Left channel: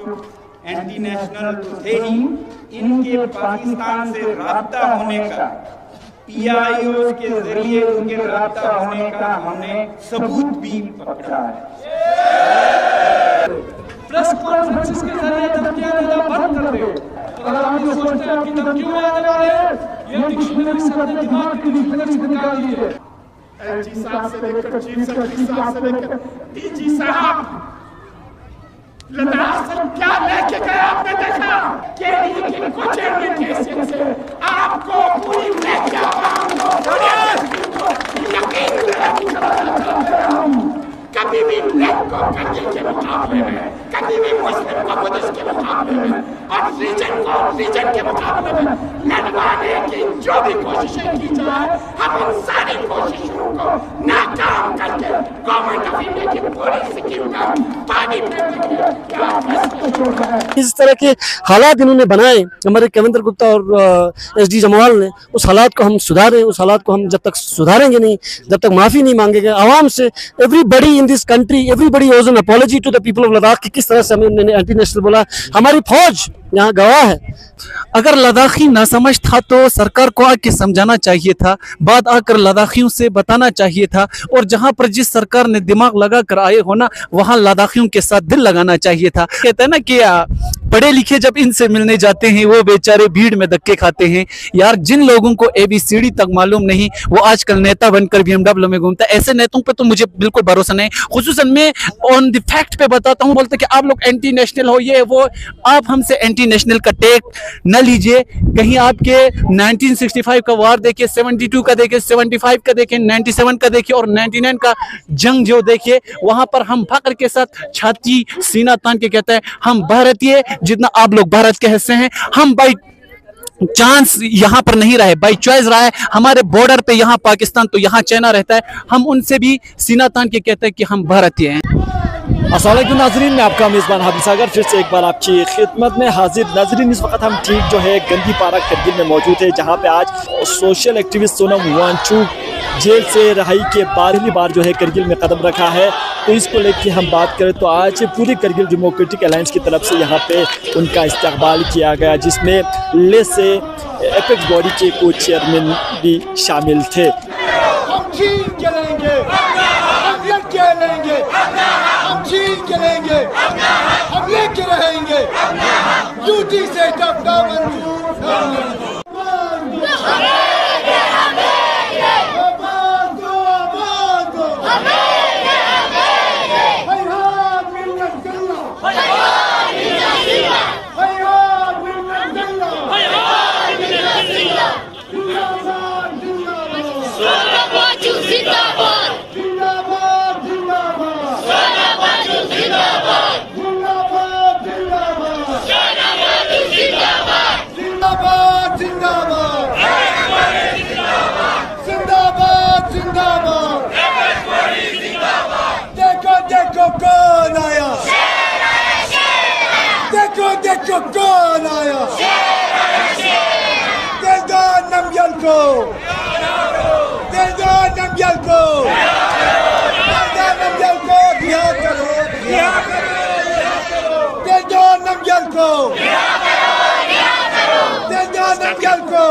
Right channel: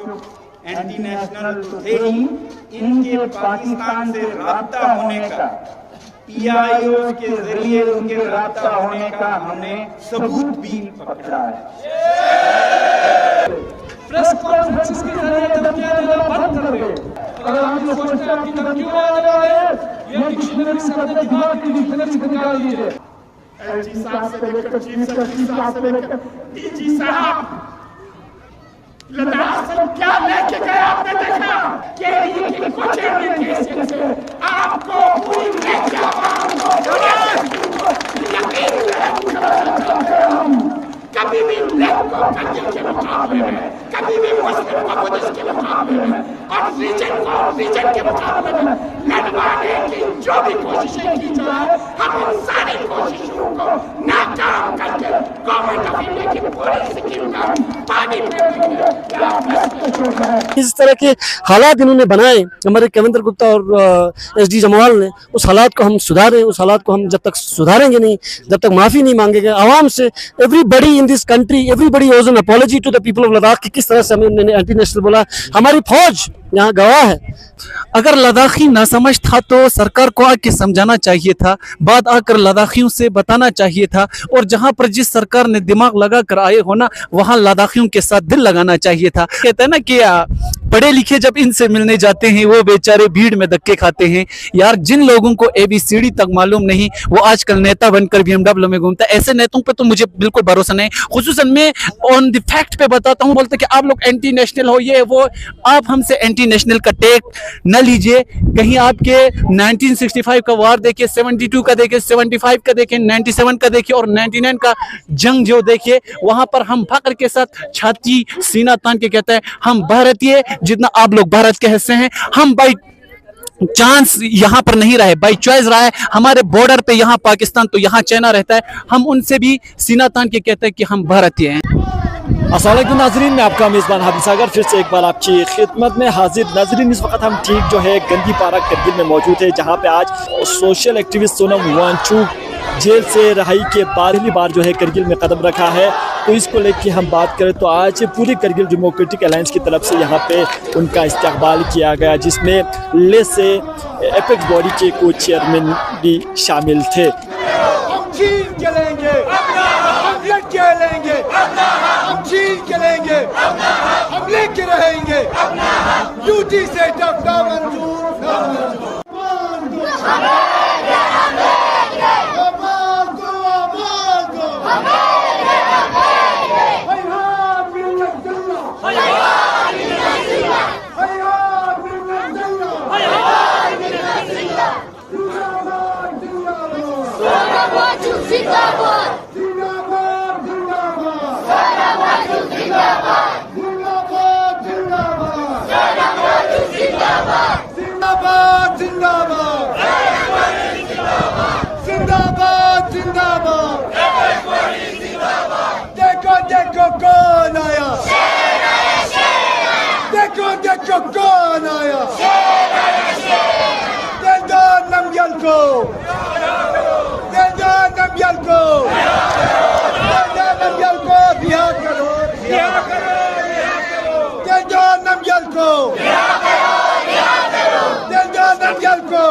जो anti national तो थे ही, इनके पाकिस्तान से राब्ता होने का, PIOs के जरिए उनके राब्ता होने का हमने सबूत भी पकड़ा है। प्रेस कॉन्फ्रेंसेस के जरिए धमकियां देना बंद कर दे। अगर आप ये सोचते हैं कि धमकियों में आने वाले हैं, ये डिक्शनरी से अपने दिमाग की डिक्शनरी से निकाल दीजिए। LG साहब से लेकर चीफ सेक्रेटरी साहब से लेकर DG साहब, लद्दाख से क्या लेके गए आपने देखा? केडी के कोचेरियन केसियन से आपको पूरी यकीन कराना चाहते हैं हम। कभी भी लेफ्ट को करगिल के मुकाबले में, कभी भी मुस्लिम को बुद्धिस्ट के मुकाबले में और रीजन को रीजन के मुकाबले में लड़वाने की जो भी कोशिशें की जाए, हम उन सारी कोशिशों को नाकाम करके गवर्नमेंट ऑफ इंडिया की पूरी स्कीम का पानी फेंकेंगे। इस तरह के हालात इन्होंने बनाए, हमारे कविंद्र गुप्ता और SD जमवाल ने, उस हालात को हम सुधारें। उस हालात को हम जब तक सुधारेंगे नहीं, जब तक माफी नहीं मांगेंगे आवाम से, everybody in this country, everybody owes an apology to the people of Ladakh कि किस तरह से हमें एंटी नेशनल बोला। हमारी फौज यहाँ गवाह है। अगर लद्दाखी ना समझ था तो सरकार को आके समझाना चाहिए था, बात आकर लद्दाखियों से बताना चाहिए था, और जहां पर जिस सरकार ने दिमाग लगा कर आए हो ना, वहां लद्दाखियों के साथ दिल लगाना चाहिए था। कहते हैं ना कि पढ़े लिखे जब इनसे मिलने जाते हैं वो बेचारे भीड़ में धक्के खाते हैं। यार, जिन लोगों को ABCD तक मालूम नहीं, वो आजकल नेता बनकर BMW में घूमता है। ऐसे नेताओं पे तो मुझे बिल्कुल भरोसा नहीं। खुसूसन मैं ऑन द फैक्ट पे बताता हूँ, बोलते कि आप लोग एंटी नेशनल हो, ये वो। आप हमसे एंटी नेशनल का टेक न लीजिए। कहीं आपके 1965 का वार देखिए, 72 का देखिए, 75 का देखिए, 97 का देखिए और 99 का जंग जो देखिए, वहां पर हम फख्र के साथ छाती सीना तान के कहते हैं हम भारतीय, जितना आप लोग भारत के हिस्से हैं। हम बाई चांस यहाँ पर नहीं रहे, बाई चॉइस रहा है। हमारे बॉर्डर पे यहाँ पाकिस्तान तो यहाँ चाइना रहता है, हम उनसे भी सीना तान के कहते हैं कि हम भारतीय हैं। अस्सलाम वालेकुम नाजरीन, मैं आपका मेज़बान हाफिज सागर फिर से एक बार आपकी खिदमत में हाजिर। नाजरीन, इस वक्त हम ठीक जो है गंदी पारा करगिल में मौजूद है, जहाँ पे आज social activist Sonam Wangchuk jail से रिहाई के बाद पहली बार जो है करगिल में कदम रखा है। तो इसको लेकर हम बात करें तो आज पूरी करगिल डेमोक्रेटिक अलायंस की तरफ से यहाँ पे उनका इस्तकबाल किया गया, जिसमें ले से एपेक्स बॉडी के कुछ चेयरमैन भी शामिल थे। हम चीन के लेंगे, हम लेके लेंगे, हम चीन के लेंगे, हम लेके रहेंगे। यूटी से जब जिंदाबाद जिंदाबाद, देखो देखो कौन आया, देखो देखो कौन आया। दे दो नमयल को, दे दो नमयल को, दे दो नमयल को, बिहार करो, बिहार करो, दे दो नमयल को, दे दो नमयल को।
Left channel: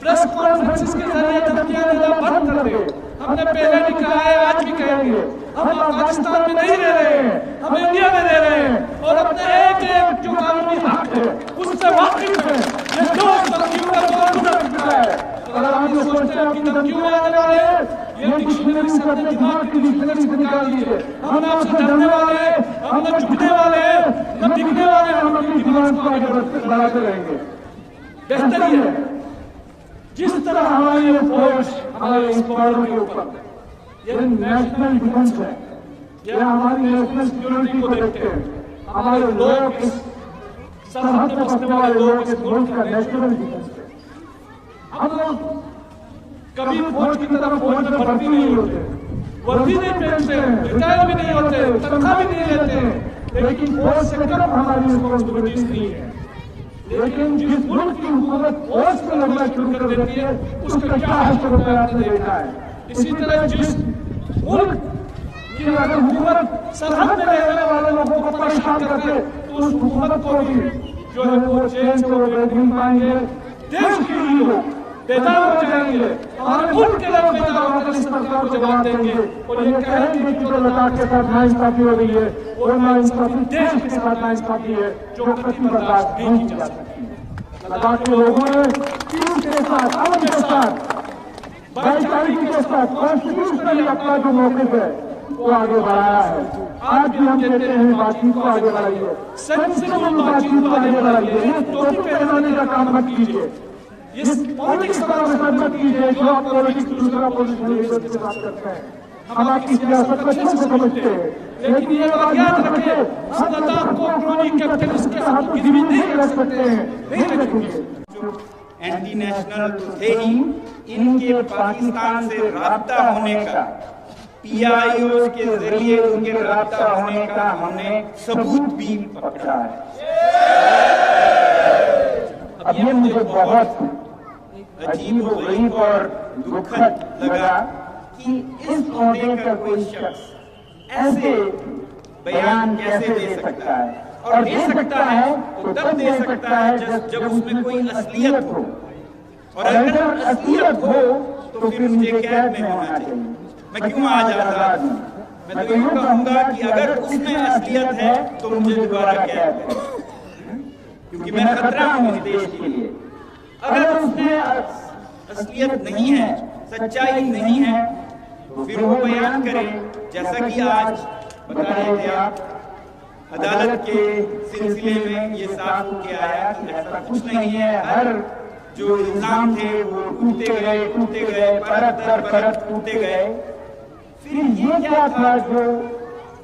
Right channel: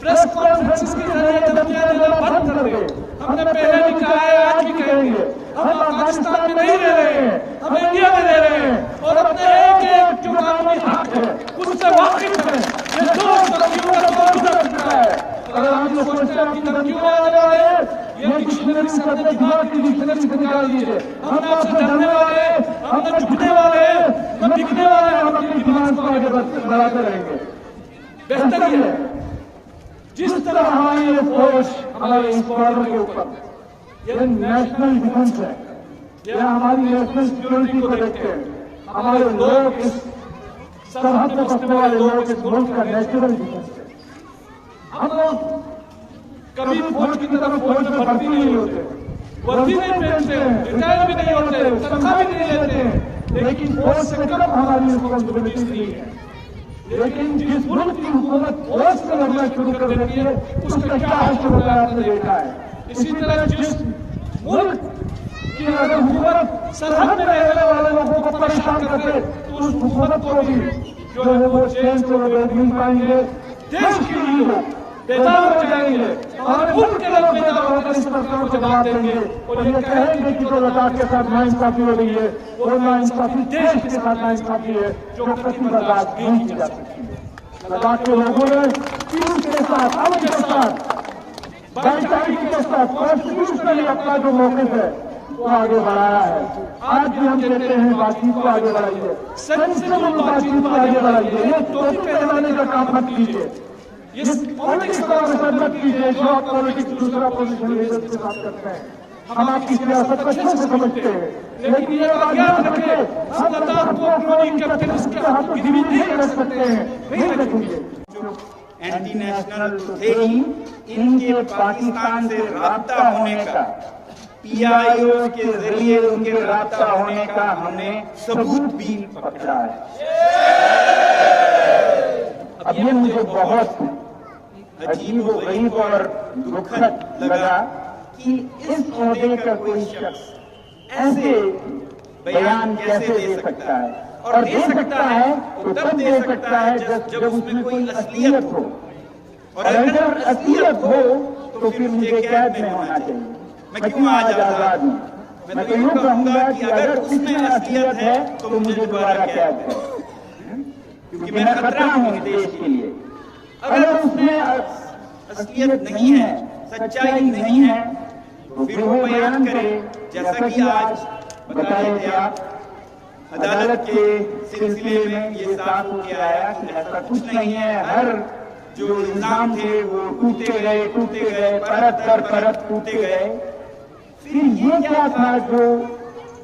प्रेस कॉन्फ्रेंसेस के जरिए धमकियां देना बंद कर दे। हमने पहले भी कहा है, आज भी कहेंगे, हम अफगानिस्तान में नहीं रह रहे हैं, हम इंडिया में रह रहे हैं और अपने एक एक जो कानूनी हक है उससे वाकिफ है। ये दो धमकियों का दौर गुजर चुका है। अगर आप ये सोचते हैं कि धमकियों में आने वाले हैं, ये डिक्शनरी से अपने दिमाग की डिक्शनरी से निकाल दीजिए। हम न आपसे डरने वाले हैं, हम न झुकने वाले हैं, न बिकने वाले, हम अपनी डिमांड को आगे बढ़ाते रहेंगे। बेहतर ये है जिस तरह हमारी ये फौज हमारे इस बॉर्डर के ऊपर, ये नेशनल डिफेंस है, ये हमारी नेशनल सिक्योरिटी को देखते हैं। हमारे लोग, इस सरहद में बसने वाले लोग इस मुल्क का नेशनल डिफेंस है। हम लोग कभी फौज की तरह फौज में भर्ती नहीं होते, वर्दी नहीं पहनते, रिटायर भी नहीं होते, तनख्वाह भी नहीं लेते, लेकिन फौज से कम हमारी रिस्पॉन्सिबिलिटीज नहीं है। लेकिन जिस मुल्क की हुकूमत फौज करना शुरू कर देती है, उसका क्या हश्र होता है आपने देखा है। इसी तरह जिस मुल्क कि अगर हुकूमत सरहद में रहने वाले लोगों को परेशान कर रहे तो उस हुकूमत को भी जो है वो जेल से वो बेच नहीं पाएंगे। देश के ही लोग बेदार हो जाएंगे, हमारे मुल्क के लोग बेदार होकर इस सरकार को जवाब देंगे और ये कहेंगे कि जो लद्दाख के साथ नाइंसाफी हो रही है वो नाइंसाफी देश के साथ नाइंसाफी है जो कभी बर्दाश्त नहीं की जा सकती। लद्दाख के लोगों ने पीस के साथ, अमन के साथ, भाईचारे के साथ कॉन्स्टिट्यूशनली अपना जो मौक़िफ़ है वो आगे बढ़ाना है। आज भी हम कहते हैं बातचीत को आगे बढ़ाइए, सेंसिबल बातचीत को आगे बढ़ाइए, टोपी पहनाने का काम मत कीजिए, ये पॉलिटिक्स हमारे साथ मत कीजिए जो आप पॉलिटिक्स दूसरा पॉलिटिक्स लीडर्स के साथ करते हैं। हम आपकी सियासत को अच्छे से समझते हैं, लेकिन ये बात याद रखें, हम लद्दाख को क्रोनी कैपिटलिस्ट के हाथों गिरवी नहीं रख सकते हैं, नहीं रखेंगे। एंटी नेशनल तो थे ही, इनके पाकिस्तान से राब्ता होने का, PIOs के जरिए उनके राब्ता होने का हमने सबूत भी पकड़ा है। अब ये मुझे बहुत अजीब और गरीब और दुखद लगा कि इस ओहदे का कोई शख्स ऐसे बयान कैसे दे सकता है, और दे सकता है तो तब दे सकता है जब उसमें कोई असलियत हो, और अगर असलियत हो तो फिर मुझे कैद में होना चाहिए। मैं क्यों आज आजाद हूँ? मैं तो यूं कहूंगा कि अगर उसमें असलियत है तो मुझे दोबारा कैद करें, क्योंकि मैं खतरा हूं इस देश के लिए। अगर उसमें असलियत नहीं है, सच्चाई नहीं है, तो फिर वो बयान करे, जैसा कि आज बता रहे थे आप, अदालत के सिलसिले में ये साफ होके आया कि ऐसा कुछ नहीं है। हर जो इल्जाम थे वो टूटते गए, परत दर परत टूटते गए। फिर ये क्या था जो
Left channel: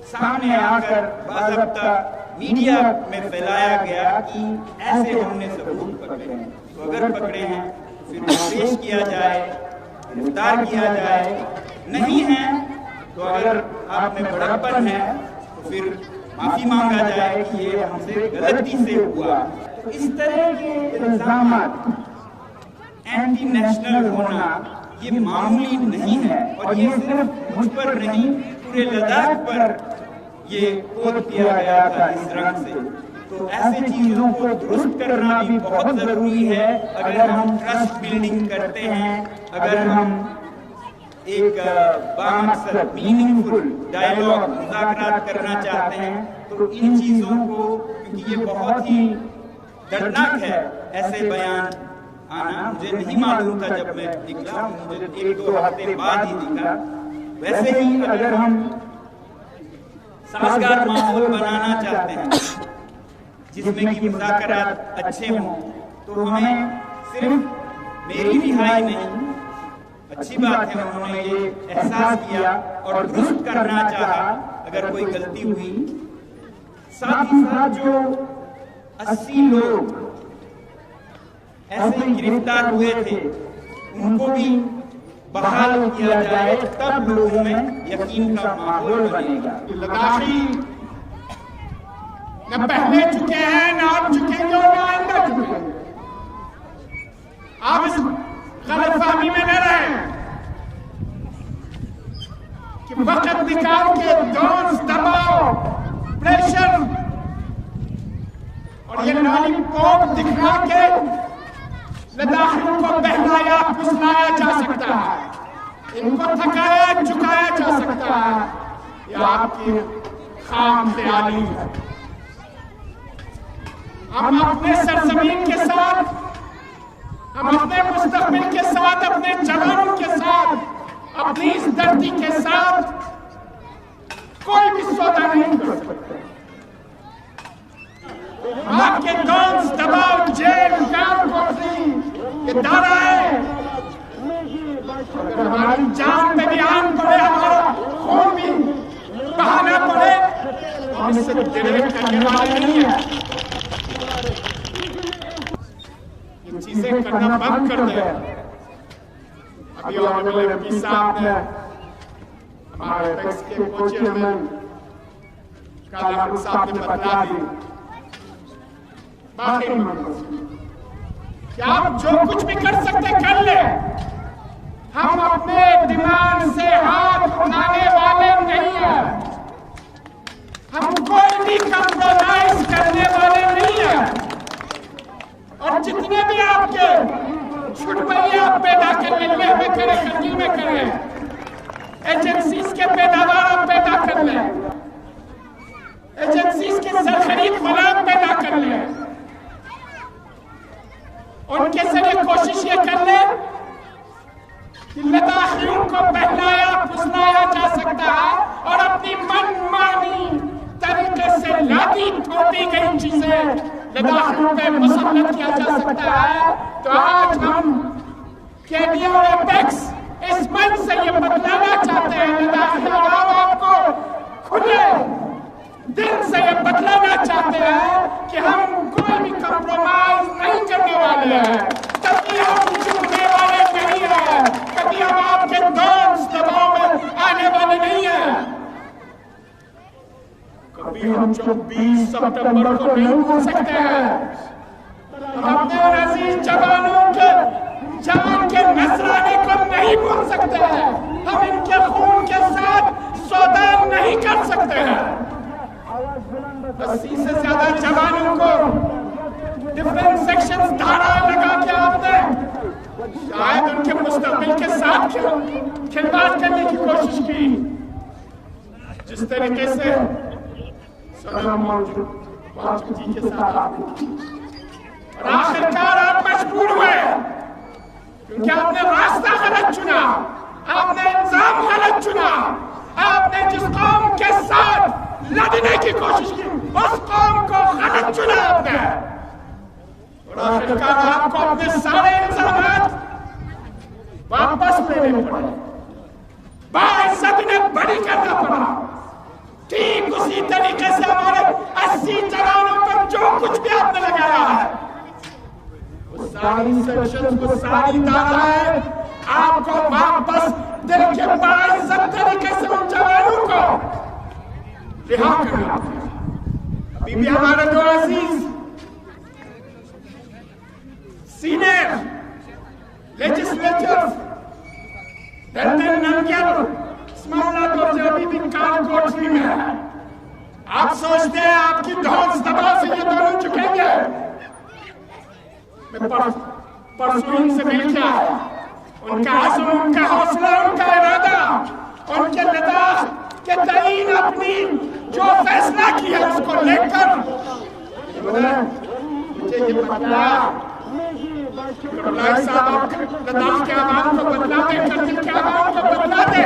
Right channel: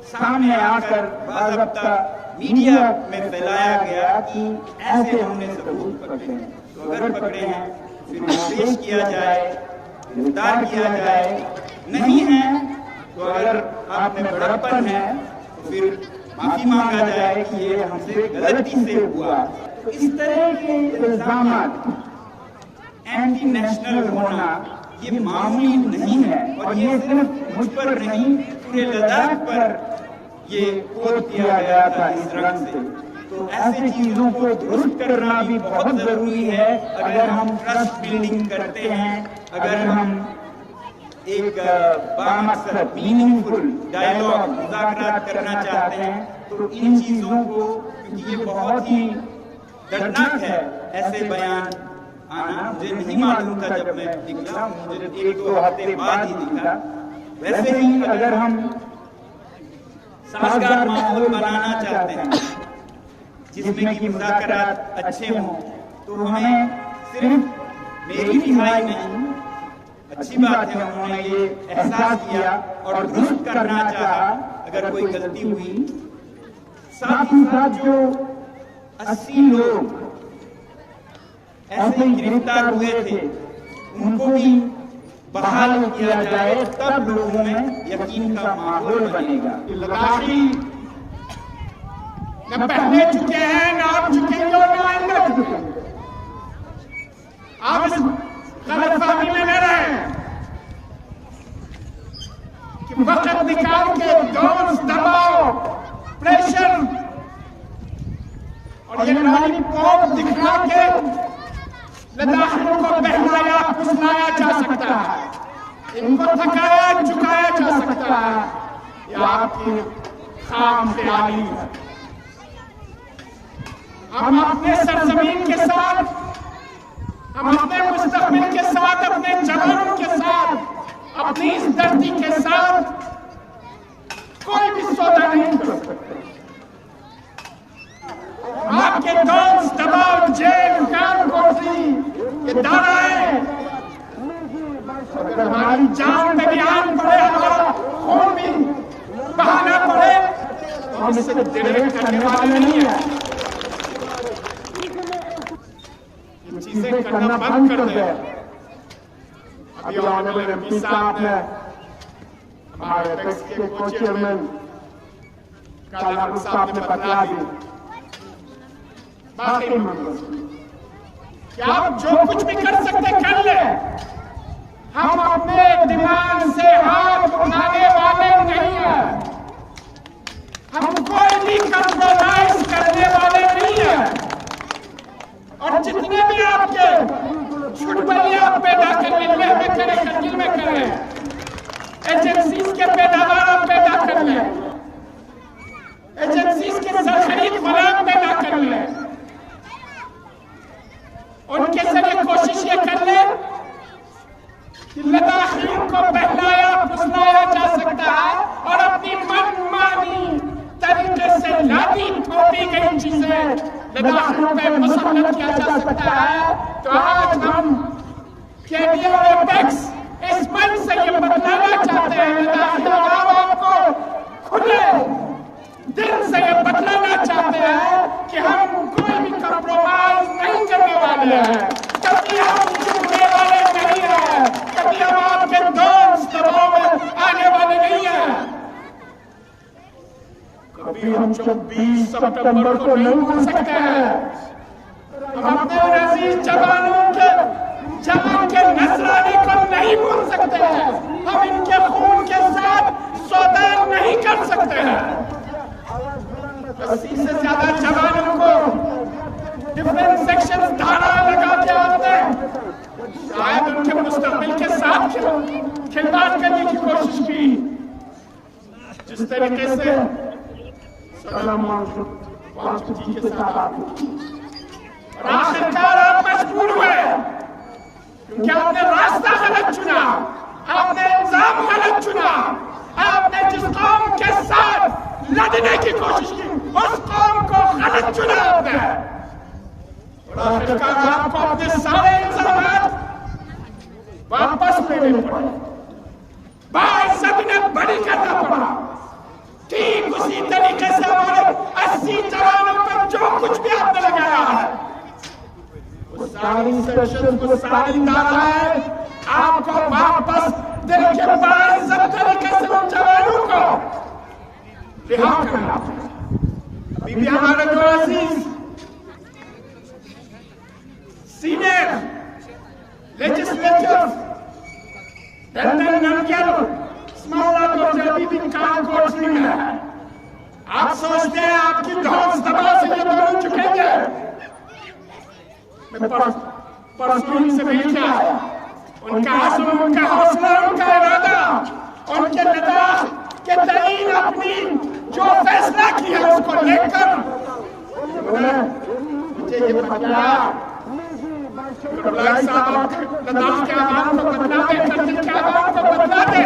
सामने आकर बाज़ाब्ता मीडिया में फैलाया गया कि ऐसे हमने सबूत पकड़े हैं, तो अगर पकड़े हैं तो फिर वो पेश किया जाए, गिरफ्तार किया जाए। नहीं है तो अगर आप में बड़प्पन है तो फिर माफी मांगा जाए कि ये हमसे गलती से हुआ। तो इस तरह के इल्जाम एंटी नेशनल होना ये मामूली नहीं है, और ये सिर्फ मुझ पर नहीं पूरे लद्दाख पर ये पोत दिया गया था इस रंग से। तो ऐसे चीजों को दुरुस्त करना भी बहुत जरूरी है अगर हम ट्रस्ट बिल्डिंग करते हैं, अगर हम एक बामकसद मीनिंगफुल डायलॉग मुज़ाकरात करना चाहते हैं। तो इन चीजों को, क्योंकि ये बहुत ही दर्दनाक है ऐसे बयान आना, मुझे नहीं मालूम था जब मैं निकला, मुझे 1-2 हफ्ते बाद ही दिखा। वैसे ही अगर हम साजगार माहौल बनाना चाहते हैं जिसमें कि मुज़ाकरात अच्छे हों, तो हमें सिर्फ मेरी रिहाई नहीं, अच्छी बात है उन्होंने ये एहसास किया और दुरुस्त करना चाहा अगर कोई गलती हुई। साथ ही साथ जो 80 लोग ऐसे ही गिरफ्तार हुए थे उनको भी बहाल किया जाए, तब लोगों में यकीन का माहौल बनेगा। लद्दाखी न पहले चुके हैं, न अब चुकेंगे और न आइंदा चुकेंगे। आप इस गलतफहमी में न रहें कि वक्त निकाल के डोज, दबाव, प्रेशर और ये लॉलीपॉप दिखा के लद्दाखियों को बहलाया फुसलाया जा सकता है, इनको थकाया झुकाया जा सकता है। ये आपकी खाम ख्याली है। हम अपने सरजमीन के साथ, हम अपने मुस्तकबिल के साथ, अपने जवानों के साथ, अपनी इस धरती के साथ कोई भी सौदा नहीं कर सकते। आपके डॉन्स, दबाव, जेल, काल कोठरी, ये दारा है। अगर हमारी जान पे भी आन पड़े, हमारा खून भी बहाना पड़े, तो हम इससे डिरेक्ट करने वाले नहीं है। ये चीजें करना बंद कर दे। अभी ऑनरेबल MP साहब ने, हमारे एपेक्स के को चेयरमैन काला साहब ने बतला दी बाकी कि आप जो कुछ भी कर सकते कर ले, हम अपने डिमांड से हाथ उठाने वाले नहीं हैं। कंप्रोमाइज करने वाले नहीं हैं। और जितने भी आपके छुटपैया आप पैदा कर लें, लेह में करें, करगिल में करें, एजेंसीज के पैदावार आप पैदा कर लें, एजेंसीज के सरखरीद गुलाम पैदा कर लें, उनके जरिए कोशिश ये कर ले कि लद्दाखियों को बहलाया फुसलाया जा सकता है और अपनी मनमानी तरीके से लादी थोपी गई चीजें लद्दाखियों पे मुसल्लत किया जा सकता है। तो आज हम केडी और एपेक्स इस मंच से ये बतलाना चाहते हैं, लद्दाखी आवाम आपको खुले दिल से ये बतलाना चाहते हैं कि हम कोई भी कंप्रोमाइज नहीं करने वाले हैं, कभी हम झुकने वाले नहीं हैं, कभी हम आपके दोस्त दबाव में आने वाले नहीं हैं, कभी हम 24 सितंबर को नहीं भूल सकते हैं। हम अपने उन अजीज जवानों के जान के नजराने को नहीं भूल सकते हैं, हम इनके खून के साथ सौदा नहीं कर सकते हैं। 80 से ज्यादा जवानों को डिफरेंट सेक्शंस धाराएं लगा के आपने शायद उनके मुस्तकबिल के साथ खिलवाड़ करने की कोशिश की, जिस तरीके से सोनम वांगचुक जी के साथ आपने की। और आखिरकार आप मजबूर हुए क्योंकि आपने रास्ता गलत चुना, आपने इंजाम गलत चुना, आपने जिस कौम के साथ लड़ने की कोशिश की उस कौम को गलत चुना आपने। और आखिरकार आपको अपने सारे इल्जामात वापस लेने पड़े, बाइज्जत उन्हें बरी करना पड़ा। ठीक उसी तरीके से हमारे 80 जवानों पर जो कुछ भी आपने लगाया है, वो सारी सेक्शंस, वो सारी धाराएं आपको वापस दे के बाइज्जत तरीके से उन जवानों को रिहा करना। अभी भी हमारे दो अजीज सीनियर लेजिस्लेचर्स दलतन नमग्याल इस्माइलात और जो अभी भी काल कोठरी में है, आप सोचते हैं आपकी धौंस दबाव से ये दोनों झुकेंगे? मैं परसों इनसे मिल के आया, उनका आज़म, उनका हौसला, उनका इरादा, उनके लद्दाख के तईन अपनी जो फैसला किया उसको लेकर मुझे ये बताया कि करलाई साहब आप लद्दाख के आवाम को बदला दे, करगिल के आवाम को बदला दे।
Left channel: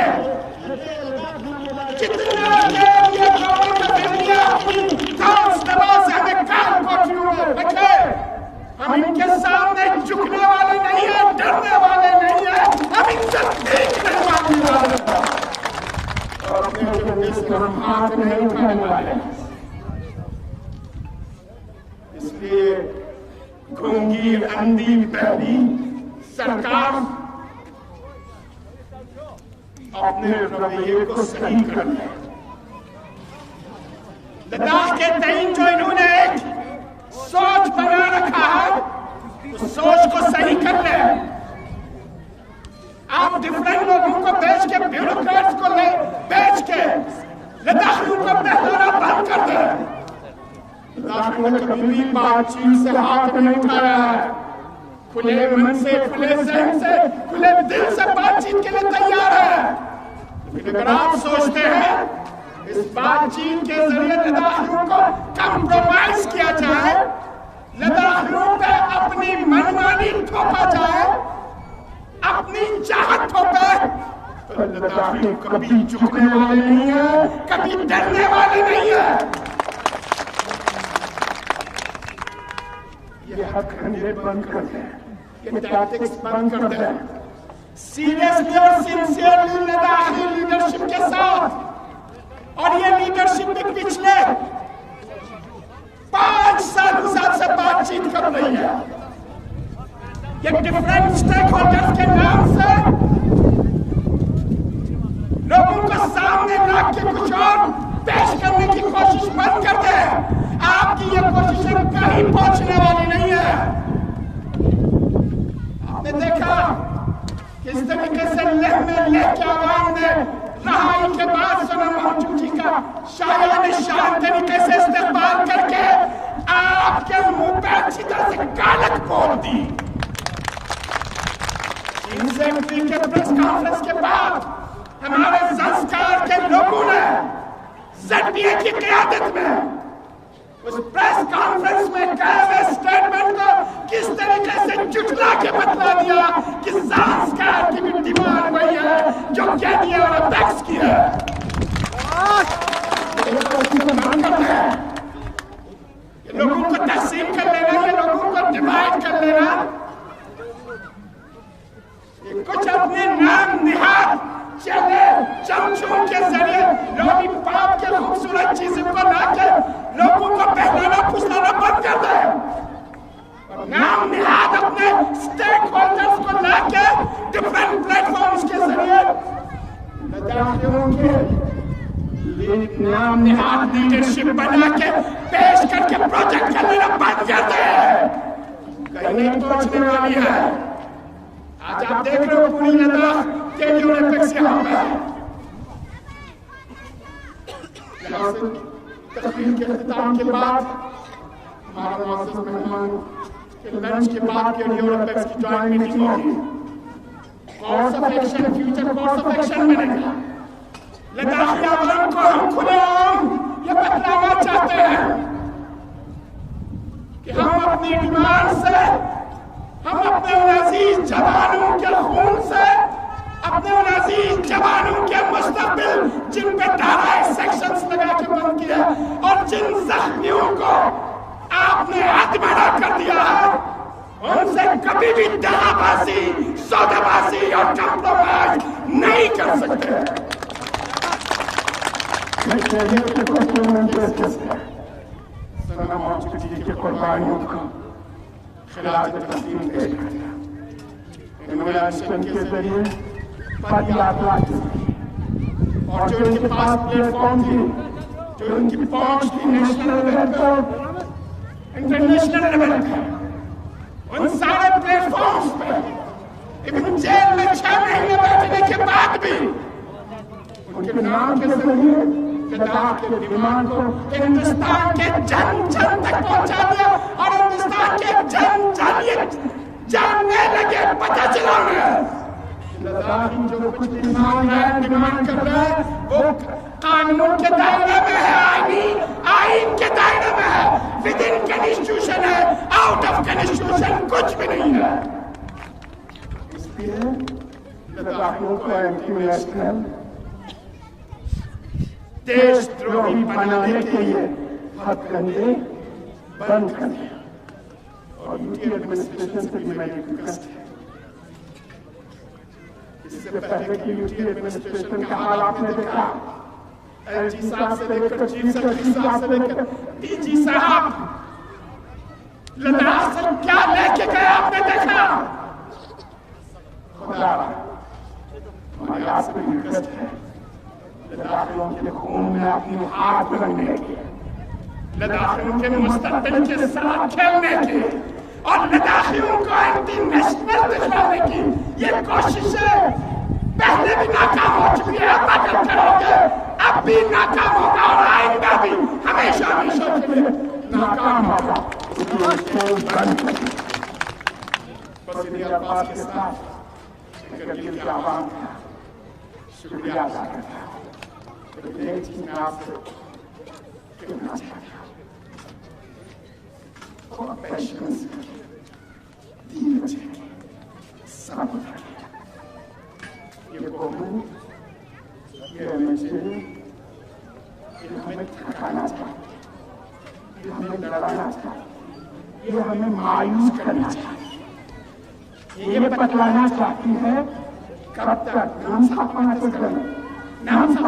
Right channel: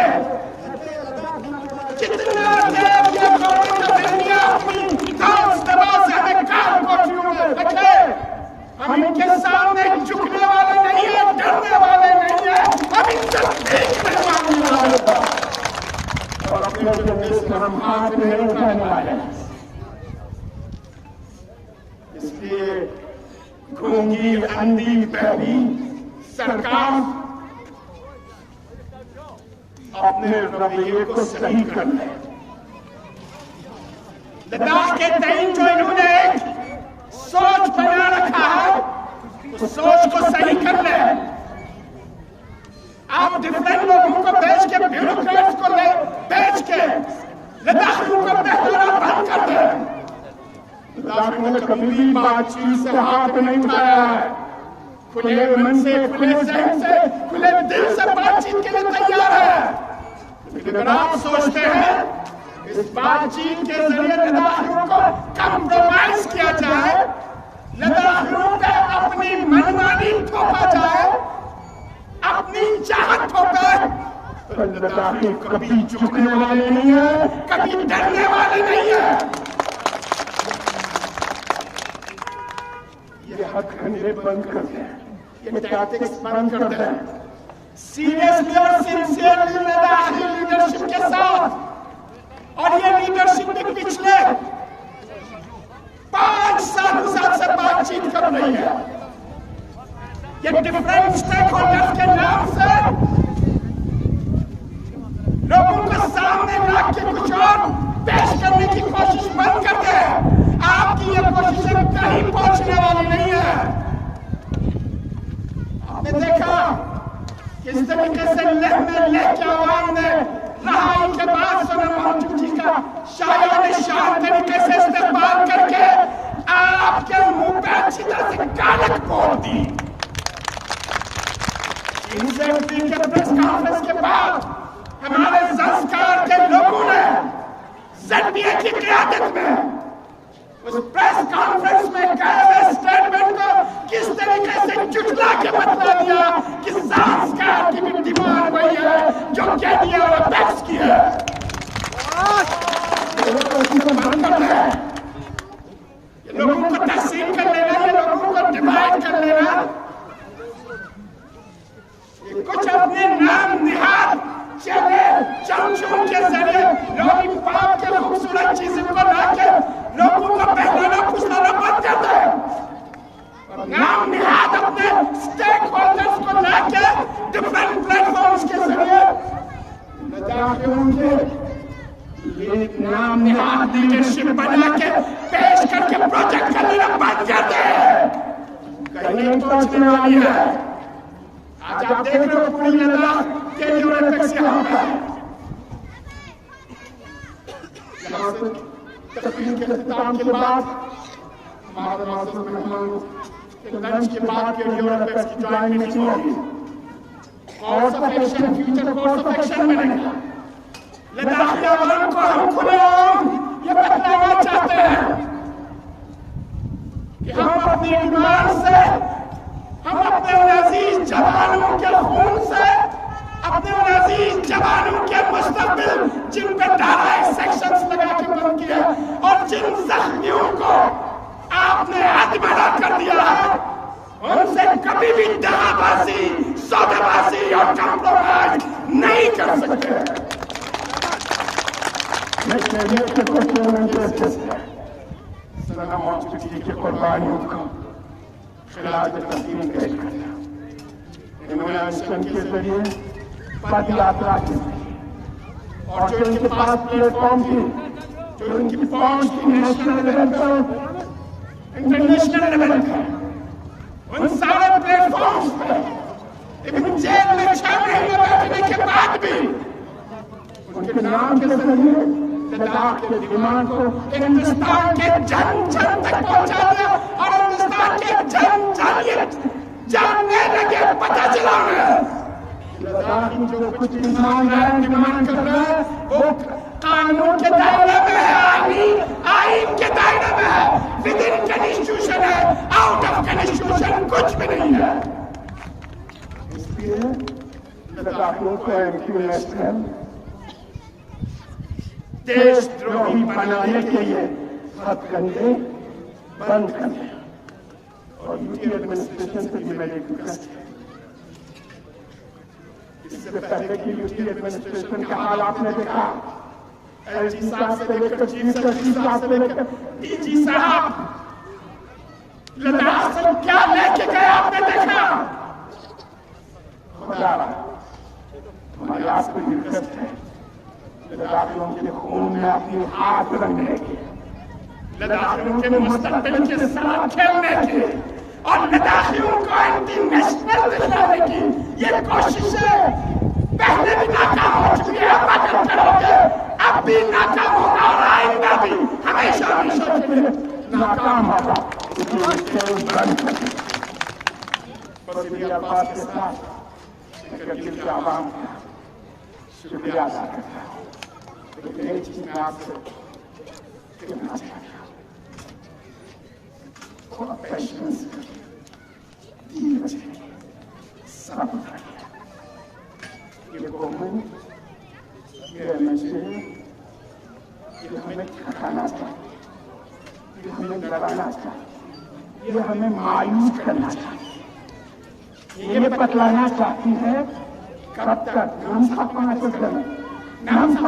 कितना देर ये गवर्नमेंट ऑफ इंडिया अपनी धौंस दबाव से हमें काल कोठरियों में रखे, हम इनके सामने झुकने वाले नहीं है, डरने वाले नहीं है, हम इनसे भीख नहीं मांगने वाले और अपने झंडे से हम हाथ नहीं उठाने वाले। इसलिए गूंगी अंधी बहरी सरकार अपने रवैये को सही कर ले। लद्दाख के तईन जो इन्होंने एक सोच बना रखा है, उस सोच को सही कर ले। आप डिफरेंट लोगों को बेच के, ब्यूरोक्रेट्स को ले बेच के लद्दाखियों को बहलाना बंद कर दे। लद्दाखियों ने कभी भी बातचीत से हाथ नहीं उठाया है, खुले मन से, खुले जहन से, खुले दिल से बातचीत के लिए तैयार है। लेकिन अगर आप सोचते हैं इस बातचीत के जरिए लद्दाखियों को कंप्रोमाइज किया जाए, लद्दाखियों पे अपनी मनमानी थोपा जाए, अपनी चाहत थोपे, तो लद्दाखी कभी झुकने वाले नहीं है, कभी डरने वाले नहीं है। ये हथकंडे बंद कर दे, ये टैक्टिक्स बंद कर दे। सीरियसली और सिंसियरली लद्दाखी लीडरशिप के साथ, और ये लीडरशिप भी पिछले 5 सालों से आपसे बातचीत कर रही है। ये डिफरेंट स्टेक होल्डर्स के नाम से लोगों को सामने ला के कुछ और पेश करने की कोशिश बंद कर दे। आपकी ये कोशिशें कहीं पहुंचने वाली नहीं है। आपने देखा किस तरीके से लेह में लेह के आवाम ने रहाई के बाद सोनम वांगचुक जी का शायान निशान तरीके से इस्तेमाल करके आपके मुंह पे अच्छी तरह से गालक पोत दी। चीन सेक्रेटरी के प्रेस कॉन्फ्रेंस के बाद हमारे संस्कार के लोगों ने ZPA की क़यादत में उस प्रेस कॉन्फ्रेंस में कहे हुए स्टेटमेंट को किस तरीके से जुटला के बतला दिया कि संस्कार की भी डिमांड वही है जो KDA और अपेक्स की है। बंद कर दे, ये लोगों को तकसीम कर लेना, ये लोगों को डिवाइड कर लेना, ये कुछ अपने नाम निहाद चले चमचों के जरिए लॉलीपॉप के खूबसूरत चीजों को लाके लोगों को बहलाना फुसलाना बंद कर दे और नाम निहाद अपने स्टेक होल्डर्स को लाके डिफरेंट प्लेटफॉर्म्स के जरिए लद्दाखियों के नाम निहाद लीडरशिप बना के पेश करके प्रोजेक्ट कर लेना बंद कर दे। कहीं नहीं पहुंचने वाली है। आज आप देख रहे हो पूरी लद्दाख के लिए ओलंपिक्स यहाँ पे है। यहाँ से तकरीर के अख्तिताम के बाद हमारे मुअज़्ज़ज़ मेहमान के लंच के बाद के लिए ओलंपिक्स की जॉइंट मीटिंग होगी। Course of action, future course of action बनेगा। लद्दाखी आवाम को हम खुलेआम ये बतलाना चाहते हैं कि हम अपनी डिमांड से, हम अपने उन अजीज जवानों के खून से, अपने उन अजीज जवानों के मुस्तकबिल जिन पे धाराएं सेक्शंस लगा के बंद किया और जिन जख्मियों को आपने आत्महत्या कर दिया है, उनसे कभी भी दगाबाजी, सौदाबाजी और कंप्रोमाइज नहीं कर सकते। सनम और चिट्ठी के कुर्बानियों को खिलाफ तस्लीम पेश करता है। इन्होंने मिशन के जरिए पद यात्रा की और जो इनके पास प्लेटफॉर्म थी, जो इनकी पहुंच थी नेशनल लेवल पर, इंटरनेशनल लेवल पे, उन सारे प्लेटफॉर्म्स पे इवन जेल में 6 महीने बैठने के बाद भी उनके नाम के जरिए लद्दाख के डिमांड को हिंदुस्तान के जन जन तक पहुंचा दिया और हिंदुस्तान के जन जन ये जानने लगे, पता चला उन्हें लद्दाखी जो कुछ भी मांग रहा है, डिमांड कर रहा है, वो कानून के दायरे में है, आईन के दायरे में है, विद इन कॉन्स्टिट्यूशन है, आउट ऑफ कॉन्स्टिट्यूशन कुछ भी नहीं है। इसलिए लद्दाखियों को एंटी नेशनल देशद्रोही बनाने के लिए हथकंडे बंद कर दिए। और यूटी एडमिनिस्ट्रेशन से भी मेरी रिक्वेस्ट है, इससे पहले कि यूटी एडमिनिस्ट्रेशन का हाल आपने देखा, एलजी साहब से लेकर चीफ सेक्रेटरी साहब से लेकर डीजी साहब लद्दाख से क्या लेके गए आपने देखा। खुदा हमारे आपसे भी रिक्वेस्ट है, लद्दाखियों के खून में अपनी हाथ रखने की, लद्दाखियों के मुस्तकबिल के साथ खेलने की और लद्दाखियों को एंटी नेशनल दिखाने की ये कोशिशें पहले भी नाकाम हो चुकी है, अब अगर करोगे अब भी नाकाम होगा और आइंदा भी हमेशा हमेशा के लिए नाकाम होगा। बस इन्हीं अल्फाज के साथ करगिल के आवाम का शुक्रिया अदा करता है। लेकिन एक चीज मैं आपसे कहना चाहता हूँ, पेशेंस रखिए, धीरज रखिए, सब्र रखिए। ये कोहमू, ये रिलीजन, ये हमें थकाना चाहिए, ये हमें डराना चाहिए, ये हमें मायूस करना चाहिए, ये बतलाना चाहती है कब तक नाम साफ करें, नाम साफ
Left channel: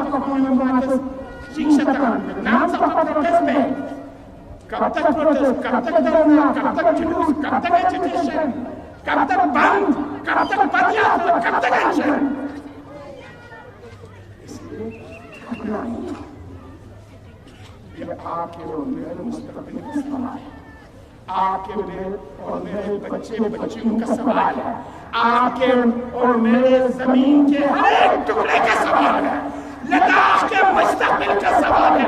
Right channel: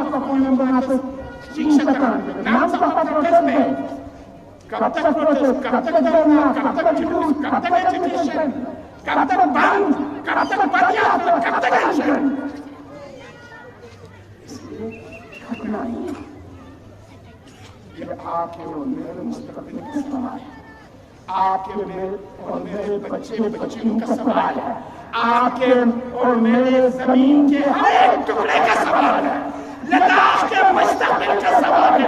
नाम साफ प्रोटेस्ट में, कब तक प्रोटेस्ट, कब तक धरना, कब तक जुलूस, कब तक एजुटेशन, कब तक बंद, कब तक पदयात्रा, कब तक अनशन। ये आपके और मेरे मुस्तकबिल का सवाल है, आपके मेरे और मेरे बच्चे बच्चियों का सवाल है, आपके और मेरे जमीन के हर एक टुकड़े का सवाल है, लद्दाख के मुस्तकबिल का सवाल है।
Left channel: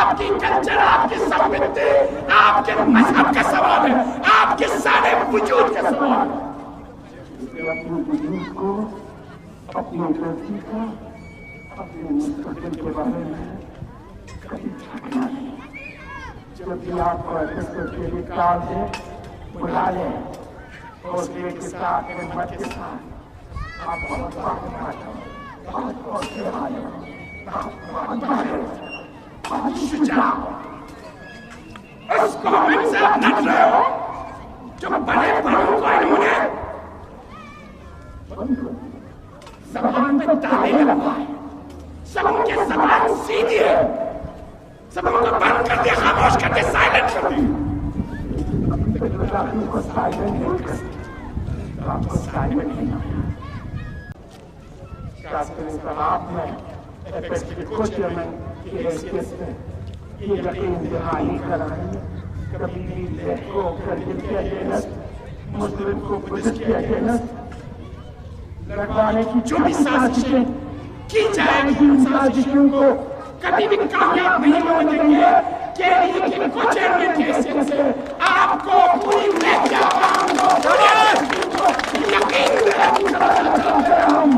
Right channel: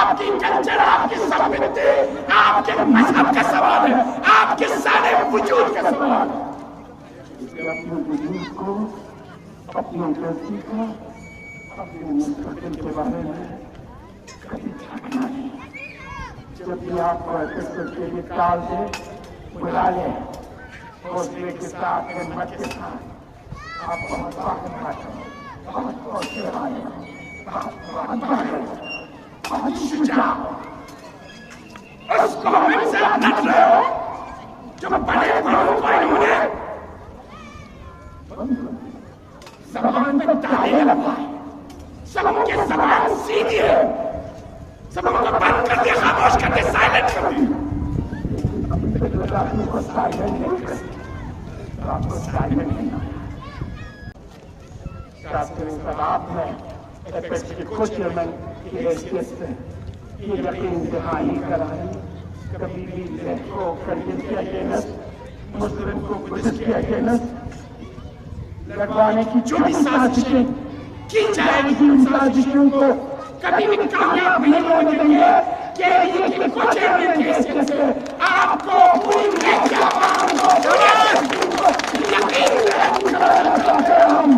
आपकी कल्चर, आपकी संस्कृति, आपके मजहब का सवाल है, आपके सारे वजूद का सवाल है। अपनी गलती का, अपने मुस्तकबिल के बारे में कभी ध्यान नहीं। जब भी आपको के लिए काम दे, बुला लें, हौसले के साथ, हिम्मत के साथ। आप बहुत बहुत हौसले वाले हो, बहुत शुजा हो। उस कौम से आप लड़ रहे हो जो बड़े बड़ों को इन्होंने जबान पे ताले लगवाए, सबों के जबान सीधी है, सबों को बंद कर दिया, खामोश कर दिया, साइलेंट कर दिया। कभी भी मुस्लिम को बुद्धिस्ट के अगेंस्ट लड़वाने की जो भी साजिशें की जाएगी, उन साजिशों को कभी भी कामयाब नहीं होने देंगे। केरी की कुचलने की हैसियत से आपको पूरी यकीन कराना चाहते हैं हम।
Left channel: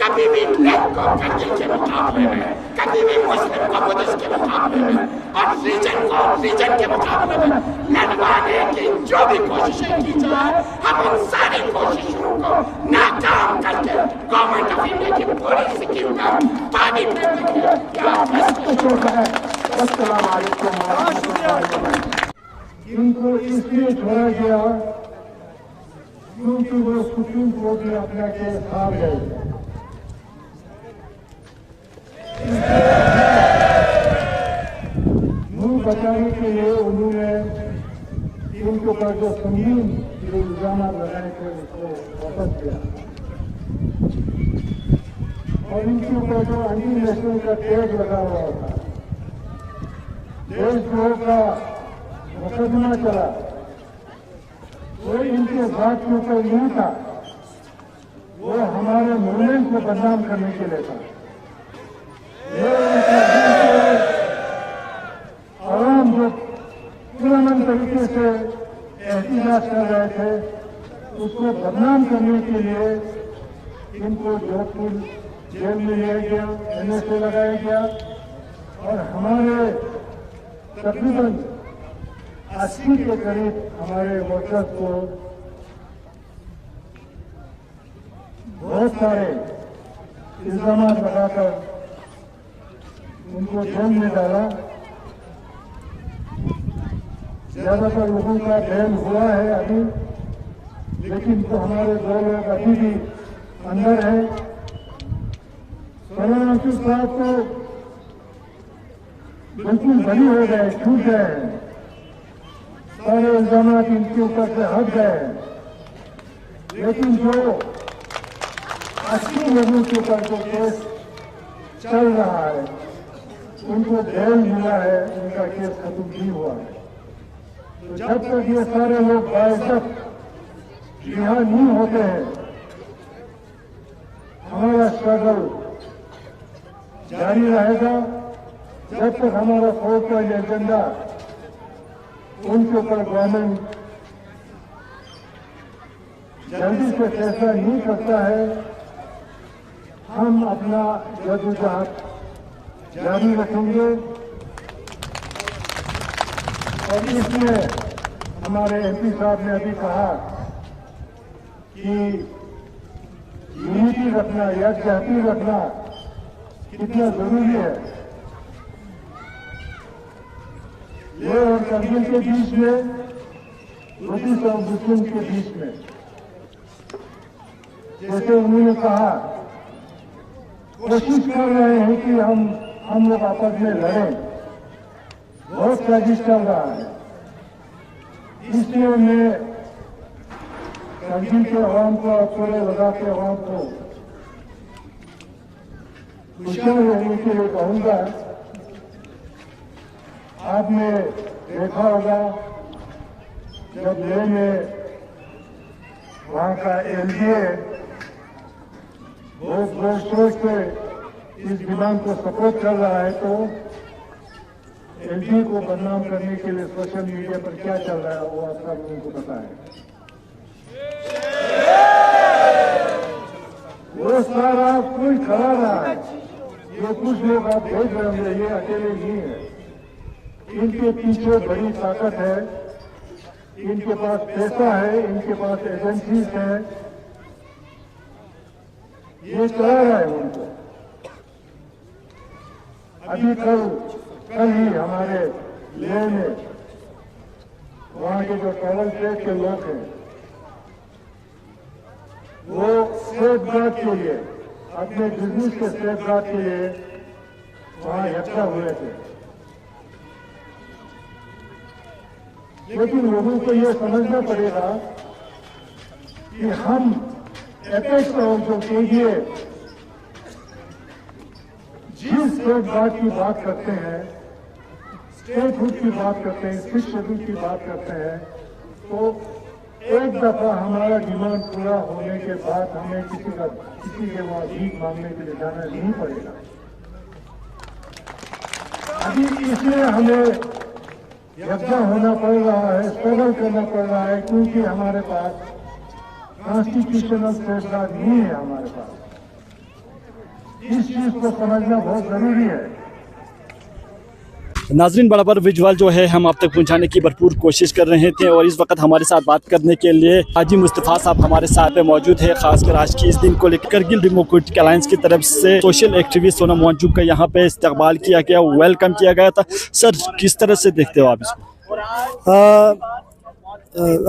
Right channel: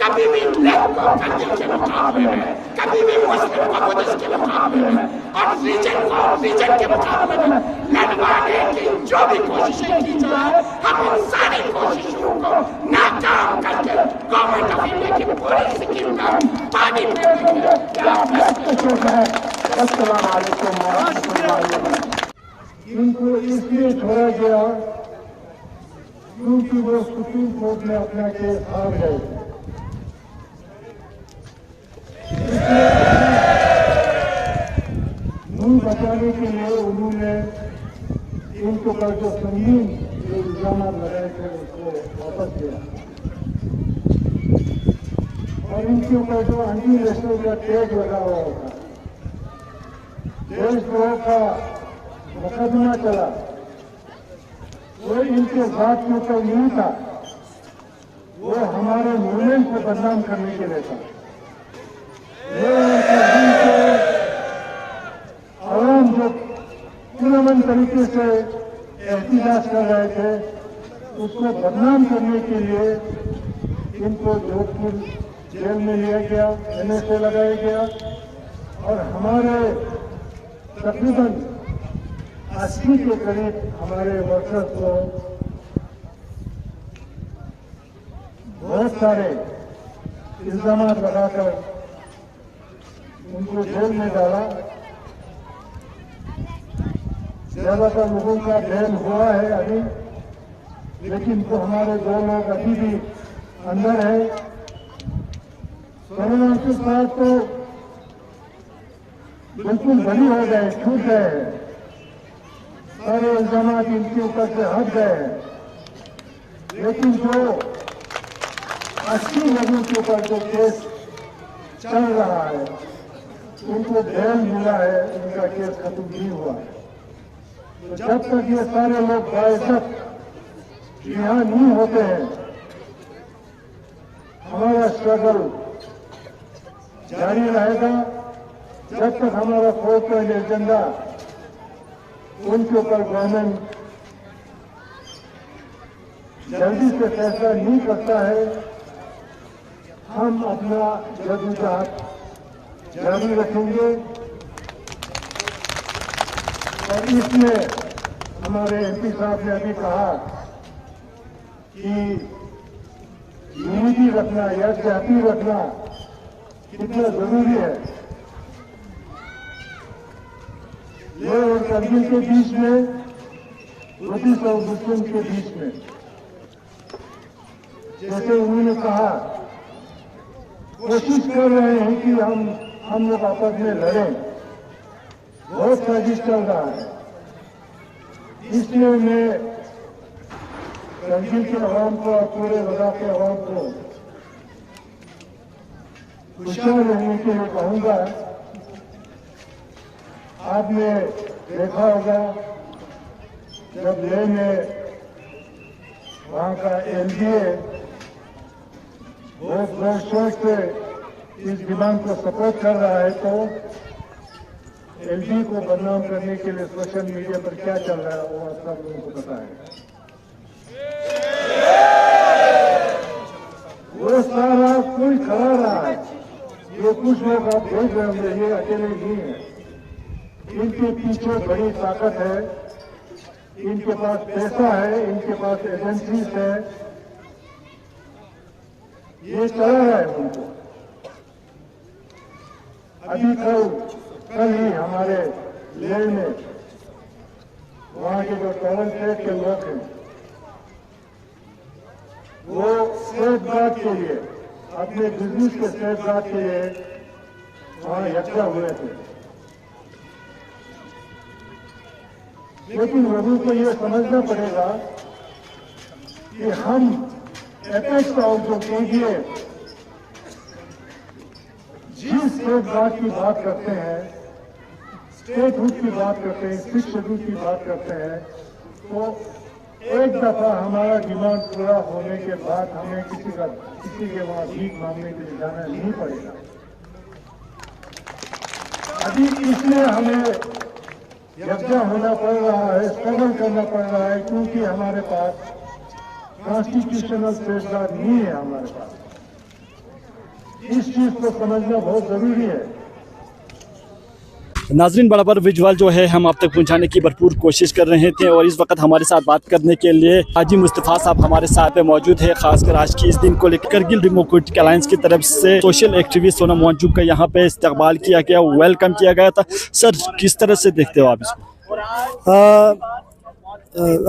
कभी भी लेफ्ट को कंजल के मुकाबले में, कभी भी मुस्लिम को बुद्धिस्ट के मुकाबले में और रीजन को रीजन के मुकाबले में लड़वाने की जो भी कोशिशें की जाए, हम उन सारी कोशिशों को नाकाम करके गवर्नमेंट ऑफ इंडिया की पूरी स्कीम पर पानी फेर देंगे। इनको इसलिए छोड़ा गया क्योंकि वो सुप्रीम कोर्ट में अपना केस हार गए। मुंह बचाने के लिए उन्होंने इनके ऊपर जो संगीन इल्जाम लगाए थे उसको वापस किया और इनके ऊपर जो एडमिनिस्ट्रेशन का टैग लगा हुआ था, देशद्रोह का मुकदमा चला, वो इनके साथ के ऊपर नहीं था, वो हमारे मूवमेंट को बदनाम करने के लिए था। और जो पुराने तरीके से एहतियात कर रहे थे, उसको बदनाम करने के लिए इनको जोधपुर जेल में लिया गया, NSA लगाया गया और हमारे तकरीबन 80 के करीब हमारे वर्कर्स को बहुत सारे इल्जाम लगाकर उनको जेल में डाला। ज्यादातर लोगों का जेल हुआ है अभी, लेकिन तो हमारे 2 लोग अभी भी अंदर है। 16-29 साल को बिल्कुल बनी हो गए, छूट गए, सारे इल्जाम इनके ऊपर से हट गए। लेकिन जो 80 लोगों के ऊपर जो केस चल रहा है, उनको बेल मिला है, उनका केस खत्म नहीं हुआ है। तो जब तक ये सारे लोग बाइज्जत रिहा नहीं होते हैं, हमारा स्ट्रगल जारी रहेगा। जब तक हमारा कोर्ट का एजेंडा उनके ऊपर गवर्नमेंट जल्दी से फैसला नहीं करता है, हम अपना जद्दोजहद जारी रखेंगे। और इसलिए हमारे MP साहब ने अभी कहा कि यूनिटी रखना या जाति रखना कितना जरूरी है। ले और करगिल के बीच में, बुद्धिस्ट और मुस्लिम के बीच में, जैसे उन्होंने कहा, कोशिश कर रहे हैं कि हम लोग आपस में लड़ें, बहुत साजिश चल रहा है। इसलिए मैं करगिल के अवाम को, पूरे लद्दाख के अवाम को खुशहाल रहने के लिए कहूँगा। आपने देखा होगा जब लेह में वहाँ का MDA बहुत जोर शोर से इस डिमांड को सपोर्ट कर रहा है, तो एलजी को बदनाम करने के लिए सोशल मीडिया पर क्या चल रहा है वो आप सब लोगों को पता है। वो सारा कोई खड़ा रहा है, ये कुछ लोग आप देख रहे होंगे, ये अकेले नहीं है, इनके पीछे बड़ी ताकत है, इनके पास पैसा है, इनके पास एजेंसीज है, ये चला रहा है उनको। अभी कल ही हमारे लेह में वहां के जो टॉयलेट के लोग हैं वो सेफ गार्ड के लिए, अपने बिजनेस के सेफ गार्ड के लिए वहां इकट्ठा हुए थे। लेकिन लोगों को यह समझना पड़ेगा कि हम एपेक्स काउंसिल के लिए जिस सेफ गार्ड की बात करते हैं, स्टेटहुड की बात करते हैं, सिक्स शेड्यूल की बात करते हैं, तो एक दफा हमारा डिमांड पूरा होने के बाद हमें किसी के वहां भीख मांगने के लिए जाना नहीं पड़ेगा। अभी इसलिए हमें यकजा होना पड़ रहा है, स्ट्रगल करना पड़ रहा है, क्योंकि हमारे पास कॉन्स्टिट्यूशनल सेफ गार्ड नहीं है हमारे पास। इस चीज को समझना बहुत जरूरी है। नाजरीन, बराबर विजुअल जो है हम आप तक पहुंचाने की भरपूर कोशिश कर रहे थे और इस वक्त हमारे साथ बात करने के लिए हाजी मुस्तफ़ा साहब हमारे साथ पे मौजूद है। खासकर आज की इस दिन को लेकर करगिल डेमोक्रेटिक अलायंस की तरफ से सोशल एक्टिविस्ट सोनम वांगचुक का यहाँ पे इस्तकबाल किया गया, वेलकम किया गया था। सर, किस तरह से देखते हो आप इसको?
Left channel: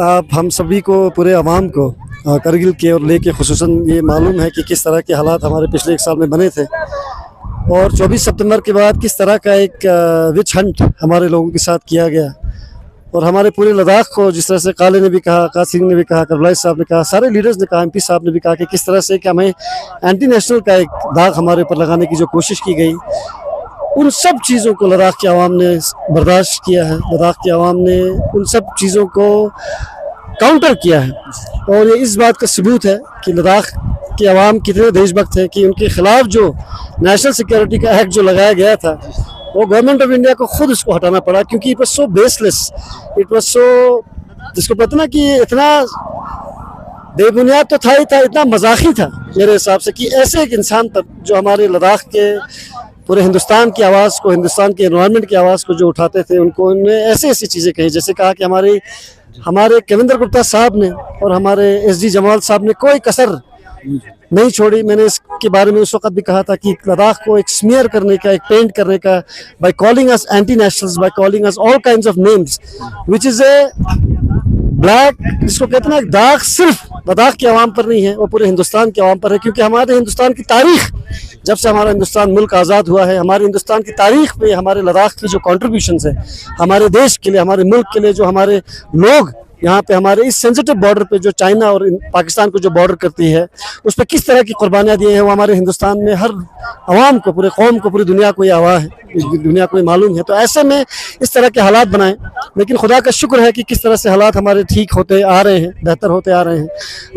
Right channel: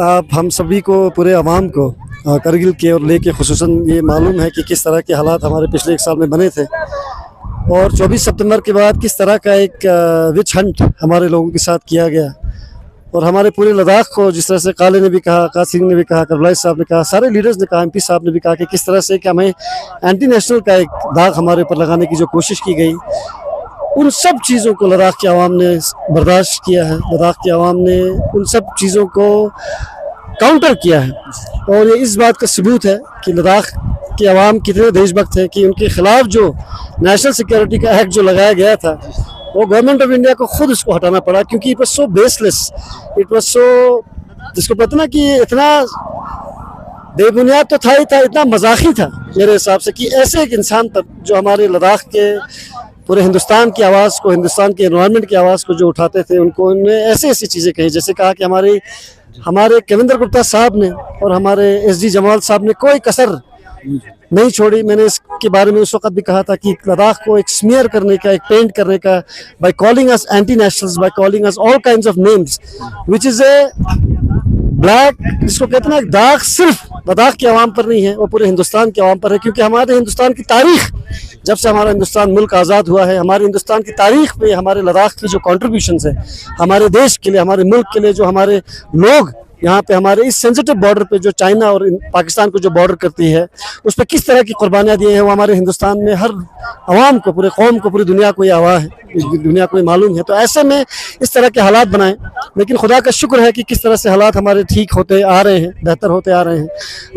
आप हम सभी को, पूरे अवाम को करगिल के और लेह के खुसूसन ये मालूम है कि किस तरह के हालात हमारे पिछले एक साल में बने थे और 24 सितंबर के बाद किस तरह का एक विच हंट हमारे लोगों के साथ किया गया और हमारे पूरे लद्दाख को, जिस तरह से काले ने भी कहा, कासिम ने भी कहा, करबलाई साहब ने कहा, सारे लीडर्स ने कहा, एमपी साहब ने भी कहा कि किस तरह से कि हमें एंटी नेशनल का एक दाग हमारे ऊपर लगाने की जो कोशिश की गई, उन सब चीज़ों को लद्दाख के अवाम ने बर्दाश्त किया है। लद्दाख के अवाम ने उन सब चीज़ों को काउंटर किया है और ये इस बात का सबूत है कि लद्दाख के अवाम कितने देशभक्त हैं कि उनके खिलाफ जो नेशनल सिक्योरिटी का एक्ट जो लगाया गया था वो गवर्नमेंट ऑफ इंडिया को खुद उसको हटाना पड़ा, क्योंकि it was so baseless, it was so, जिसको पता ना कि इतना बेबुनियाद तो था ही था, इतना मजाकी था मेरे हिसाब से कि ऐसे एक इंसान पर जो हमारे लद्दाख के पूरे हिंदुस्तान की आवाज़ को, हिंदुस्तान के एनवायरनमेंट की आवाज़ को जो उठाते थे, उनको उन्होंने ऐसी ऐसी चीज़ें कही, जैसे कहा कि हमारे केविंदर गुप्ता साहब ने और हमारे एसडी जमाल साहब ने कोई कसर नहीं छोड़ी। मैंने इसके बारे में उस वक्त भी कहा था कि लद्दाख को एक स्मीयर करने का, एक पेंट करने का, by calling us anti nationals, by calling us all kinds of names, which is a black, जिसको कहते हैं दाग सिर्फ लद्दाख के अवाम पर नहीं है, वो पूरे हिंदुस्तान के अवाम पर है। क्योंकि हमारे हिंदुस्तान की तारीख, जब से हमारा हिंदुस्तान मुल्क आज़ाद हुआ है, हमारे हिंदुस्तान की तारीख पे हमारे लद्दाख की जो कॉन्ट्रीब्यूशंस है हमारे देश के लिए, हमारे मुल्क के लिए, जो हमारे लोग यहाँ पे हमारे इस सेंसिटिव बॉर्डर पे जो चाइना और पाकिस्तान को जो बॉर्डर करती है उस पर किस तरह की कुर्बानियाँ दी हैं, वो हमारे हिंदुस्तान में हर अवाम को, पूरे कौम को, पूरी दुनिया को ये आवाज़ है, दुनिया को ये मालूम है। तो ऐसे में इस तरह के हालात बनाएं, लेकिन खुदा का शुक्र है कि किस तरह से हालात हमारे ठीक होते आ रहे हैं, बेहतर होते आ रहे हैं।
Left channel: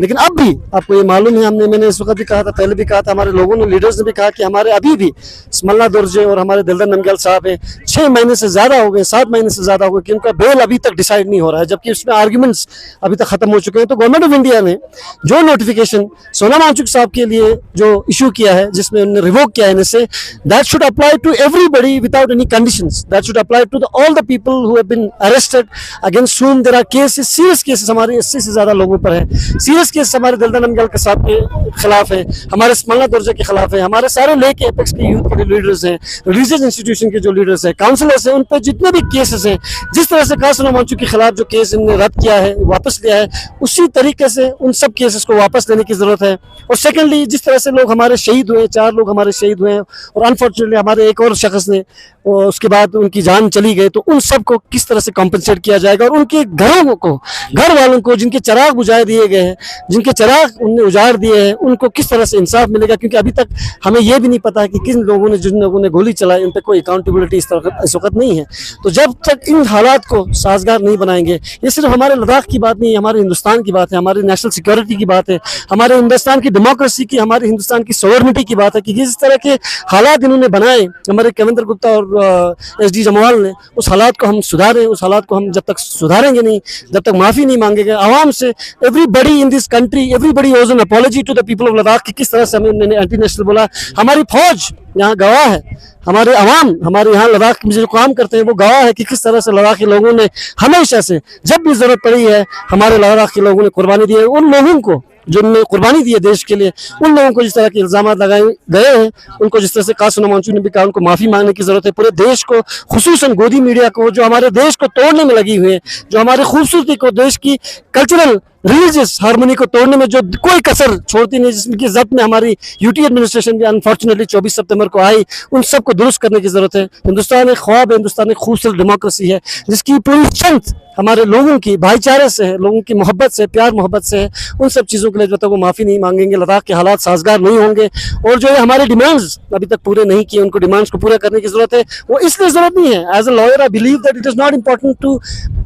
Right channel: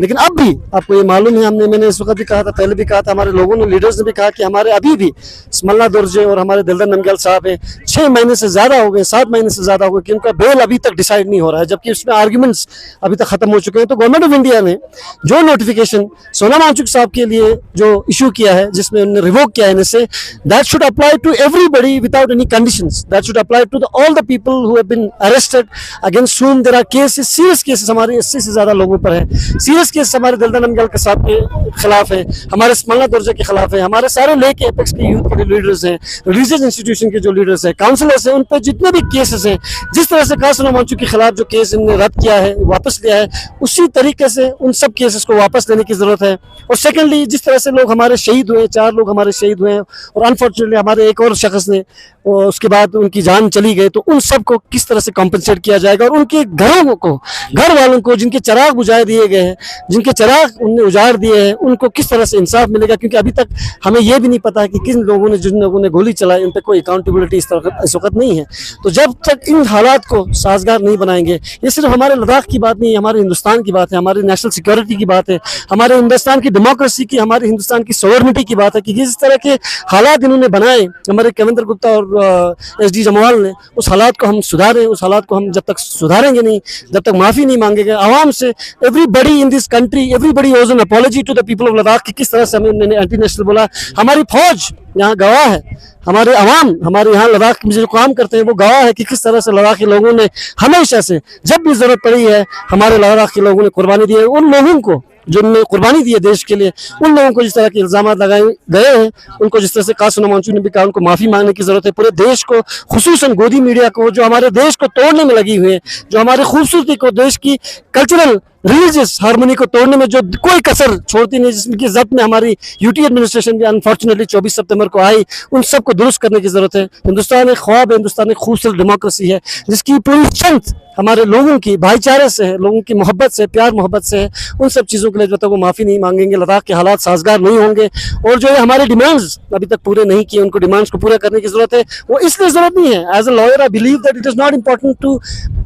लेकिन अब भी आपको ये मालूम है, मैंने इस वक्त भी कहा था, पहले भी कहा था, हमारे लोगों ने, लीडर्स ने भी कहा कि हमारे अभी भी स्मलना दुर्जे और हमारे दिलदर नमग्याल साहब हैं, 6 महीने से ज़्यादा हो गए, 7 महीने से ज़्यादा हो गए कि उनका बेल अभी तक डिसाइड नहीं हो रहा है, जबकि उसमें आर्ग्यूमेंट्स अभी तक खत्म हो चुके हैं। तो गवर्नमेंट ऑफ इंडिया ने जो नोटिफिकेशन सोनम वांगचुक साहब के लिए जो इशू किया है, जिसमें उन्होंने रिवोक किया है इनसे, that should apply to everybody without any conditions, that should apply to all the people who have been arrested, against whom there are cases, serious cases हमारे 80 से ज्यादा लोगों पर है, सीरियस केस हमारे दिलदर नमग्याल के साहब के खिलाफ है, हमारे स्मलना दुर्जे के खिलाफ है, हमारे सारे लेह के एपेक्स के यूथ के लीडर्स हैं, रिलीजियस इंस्टीट्यूशन के जो लीडर्स हैं, काउंसलर्स हैं, उन पर जितने भी केसेस हैं, जिस तरह से कहा सोनम वांगचुक के खिलाफ जो केस इन्होंने रद्द किया है, वापस लिया है, उसी तरीके से उन सब केसेस को वापस लेने की जरूरत है। और सेकेंडली, जिस तरह से लोग हमारे शहीद हुए, 4 लोग हमारे शहीद हुए हैं और अनफॉर्चुनेटली हमारे एक और शख्स ने उसके बाद उनकी जान चली गई, तो उन सब को किस तरह से कॉम्पनसेट किया जाएगा और उनके घरों को, घर वालों को जिनके चिराग बुझा दिए गए हैं, जिनके चिराग उनने उजाड़ दिए हैं, उनको किस तरह से इंसाफ मिलेगा। क्योंकि अभी तक हमें यह भी नहीं पता है कि किन लोगों ने, जिन लोगों ने गोली चलाई, उन पर कोई अकाउंटेबिलिटी इस वक्त नहीं है। तो जब तक इन हालात को साजगार नहीं बनाएंगे, ये सिर्फ हमारे लद्दाख की बात नहीं है, हमारे हिंदुस्तान की बात है, हमारी नेशनल सिक्योरिटी की बात है, हमारे हिंदुस्तान की डेमोक्रेसी की, हमारे हिंदुस्तान की सॉवरेनिटी की बात है कि जिस तरह के हालात इन्होंने बनाए हमारे कविंद्र गुप्ता और SD जमवाल ने, उस हालात को हम सुधारें। उस हालात को हम जब तक सुधारेंगे नहीं, जब तक माफ़ी नहीं मांगेंगे आवाम से, everybody in this country, everybody owes an apology to the people of Ladakh कि किस तरह से हमें उन्होंने एंटी नेशनल बोला। हमारी फौज यहाँ गवाह है, हमारे अवाम, हमारे यहाँ लद्दाख में जो काम करते हैं वो गवाह है कि किस तरह से लद्दाख के लोगों ने हमेशा से, जब भी जरूरत पड़ी है, हमारे लद्दाख के लोगों ने कुर्बानी दी है। उन लोगों को जिनने कुर्बानी दी है देश के लिए, उन लोगों को जिस तरह के इल्जाम लगाए गए हैं, उनको जिस तरह से कासिम मंचू ने भी कहा, उनको माफी मांगने की जरूरत है। पूरे देश को, खुसूसन गोदी मीडिया को, जो हमारे देश को तोड़ने में लगी हुई है, जो हमारी खूबसूरती को, देश की कल्चरल रिलीजियस हार्मोनी को तोड़ने में जो कोई कसर छोड़ती नहीं, जिसकी जब्त में हमारी यूटी एडमिनिस्ट्रेशन भी अनफॉर्चुनेटली 24 सितंबर को आई, उन सबको दुरुस्त करने की जरूरत है। हिंदुस्तान एक ख्वाब है, हिंदुस्तान एक खूबसूरत डेमोक्रेसी है जिसकी पूरी स्ट्रेंथ हमारे लोगों की भाईचारे से है, लोगों की मोहब्बत से, प्यार मोहब्बत से है। उन सब चीज़ों के लिए जब तक वो माफ़ी नहीं मांगेंगे, लद्दाख के हालात साजगार नहीं होंगे। और जो है हमारे डिमांड्स अभी तक पूरे नहीं किए, उनको डिमांड्स को पूरा करने की जरूरत है। वो इसलिए जरूरत नहीं है, as a lawyer I believe that it is not important to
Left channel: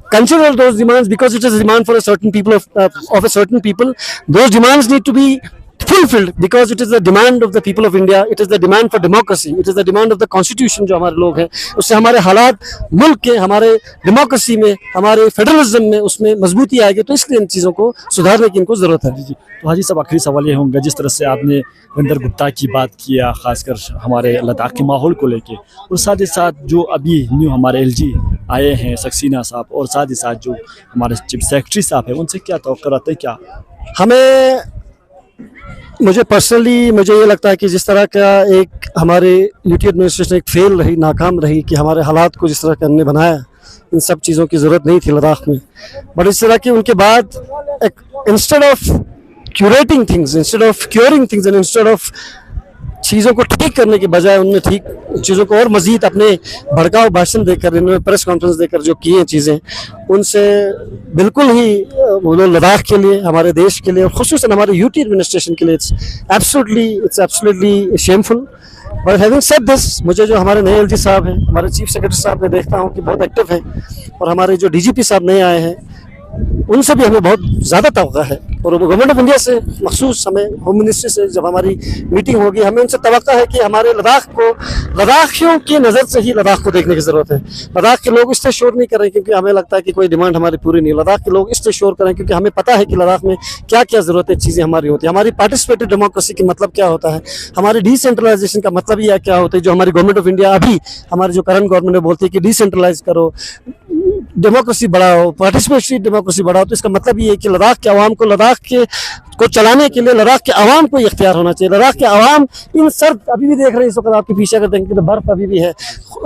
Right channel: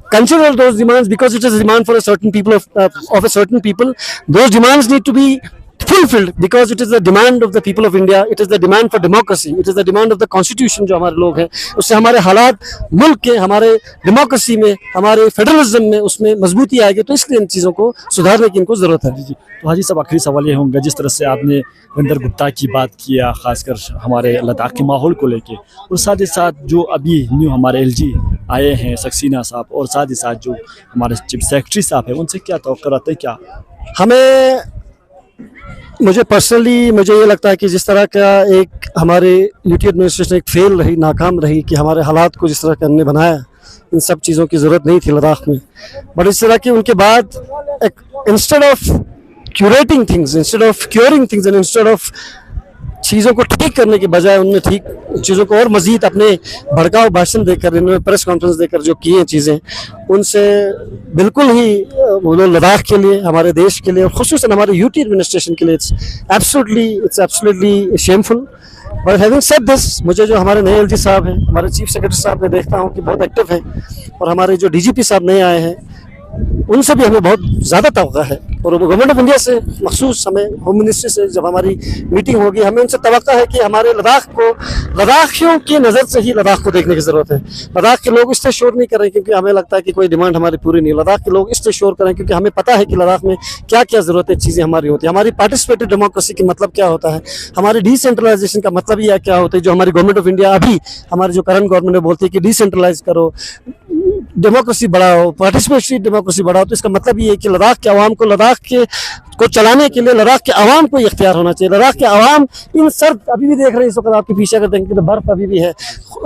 consider those demands because it is a demand for a certain people of a certain people. Those demands need to be fulfilled because it is the demand of the people of India. It is the demand for democracy. It is the demand of the constitution जो हमारे लोग हैं, उससे हमारे हालात मुल्क के, हमारे डेमोक्रेसी में, हमारे फेडरलिज्म में, उसमें मजबूती आएगी। तो इसलिए इन चीज़ों को सुधारने की इनको ज़रूरत है। जी। तो हाजी साहब, आखिरी सवाल ये होंगे, जिस तरह से आपने कविंद्र गुप्ता की बात किया, खासकर हमारे लद्दाख के माहौल को लेके, और साथ ही साथ जो अभी न्यू हमारे LG आए हैं सक्सेना साहब, और साथ ही साथ जो हमारे चीफ सेक्रेटरी साहब हैं, उनसे क्या तवक्को रहता है? क्या हमें, मुझे पर्सनली मुझे ये लगता है कि जिस तरह का एक हमारे यूटी एडमिनिस्ट्रेशन एक फेल रही, नाकाम रही, कि हमारे हालात को जिस तरह का हमने बनाया, इन सब चीज़ों की ज़रूरत नहीं थी लद्दाख में। बट इस तरह की उनके बाद एक instead of curating things, instead of curing things and instead of चीज़ों को ठीक करने के बजाय उन्होंने ठीक चीज़ों को और मज़ीद अपने भड़काऊ भाषण देकर, इन्होंने प्रेस कॉन्फ्रेंस देकर जो किए चीज़ें, उनसे बिल्कुल ही वो लोग लद्दाख के लिए, हमारे देश के लिए, और खुसूसन हमारे यूटी एडमिनिस्ट्रेशन के लिए it's absolutely shameful. But having said this, मुझे जो हमारे नए LG साहब हैं, हमारे चीफ सेक्रेटरी साहब मैं देखता हूँ कि बहुत एक्टिव हैं, और हमारे जो DGP साहब नए आए हैं, उनसे भी हमें बहुत ज़्यादा तवक्को है। और गवर्नमेंट ऑफ इंडिया से मखसूस हमें होम मिनिस्ट्री से जब हमारी मीटिंग होगी, हमें उनसे तवक्को है कि हमारे लद्दाख को, लद्दाखियों की नज़र से ही लद्दाख को देखने की ज़रूरत है। लद्दाख के लोग इसलिए शोर नहीं कर रहे क्योंकि हमें लगता है कि कोई डिमांड हमारी पूरी नहीं है। लद्दाख के लोग इसलिए शोर करें क्योंकि हमें पता है कि लद्दाख में क्या क्या ज़रूरतें चीज़ें हमारी होती है। हमारी पार्टिसिपेटिव डेमोक्रेसी का मतलब क्या होता है, हमारी डिसेंट्रलाइजेशन का मतलब यह क्या होता है, जो हमारी गवर्नमेंट ऑफ इंडिया अभी, हमारी जो करंट गवर्नमेंट बोलती है कि डिसेंट्रलाइज करो, डेमोक्रेसी बढ़ाओ, पार्टिसिपेटरी डेमोक्रेसी बढ़ाओ। तो इसका मतलब ये है कि लद्दाख के अवाम को, लद्दाख के को चलाने के लिए लद्दाख के अवाम को इख्तियार होना चाहिए। लद्दाख के अवाम इन सर्द, अभी भी देख रहे हैं इस वक्त आपके पीछे अगर देखेंगे तो बर्फ अभी भी है,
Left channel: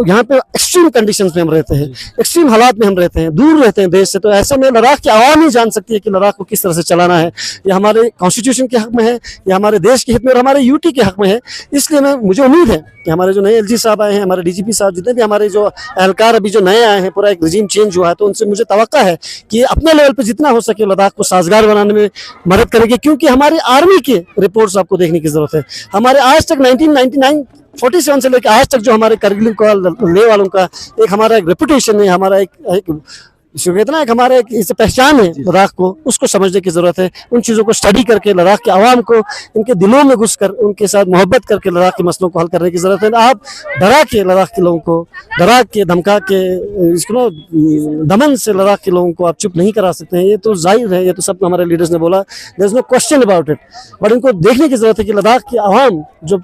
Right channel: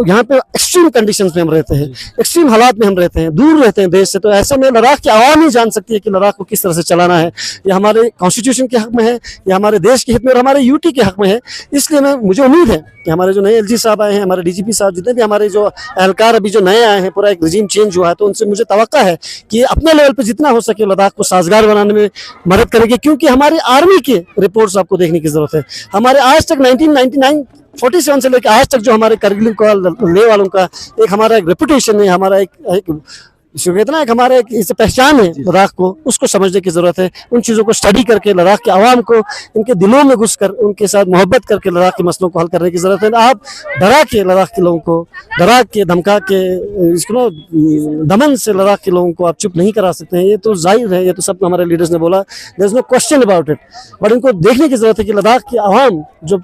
यहाँ पे एक्सट्रीम कंडीशंस में हम रहते हैं, एक्सट्रीम हालात में हम रहते हैं, दूर रहते हैं देश से। तो ऐसे में लद्दाख के अवाम ही जान सकती है कि लद्दाख को किस तरह से चलाना है। यह हमारे कॉन्स्टिट्यूशन के हक में है, यह हमारे देश के हित में और हमारे यूटी के हक में है। इसलिए मुझे उम्मीद है कि हमारे जो नए LG साहब आए हैं, हमारे DGP साहब, जितने भी हमारे जो एहलकार अभी जो नए आए हैं, पूरा एक रिजीम चेंज हुआ है, तो उनसे मुझे तवक्को है कि अपने लेवल पर जितना हो सके लद्दाख को साजगार बनाने में मदद करेंगे। क्योंकि हमारी आर्मी के रिपोर्ट्स आपको देखने की जरूरत है। हमारे आज तक 1947 से लेकर आज तक जो हमारे करगिल का ले वालों का एक हमारा एक रेपुटेशन है, हमारा एक कहते एक हमारा एक इसे पहचान है लद्दाख को, उसको समझने की जरूरत है। उन चीज़ों को स्टडी करके लद्दाख के आवाम को इनके दिलों में घुसकर उनके साथ मोहब्बत करके लद्दाख के मसलों को हल करने की जरूरत है। आप डरा के लद्दाख के लोगों को, डरा के धमका के, इसको दमन से लद्दाख के लोगों को आप चुप नहीं करा सकते हैं। ये तो जाहिर है, ये तो सब हमारे लीडर्स ने बोला, there is no question about it. But इनको देखने की जरूरत है कि लद्दाख के आवाम जो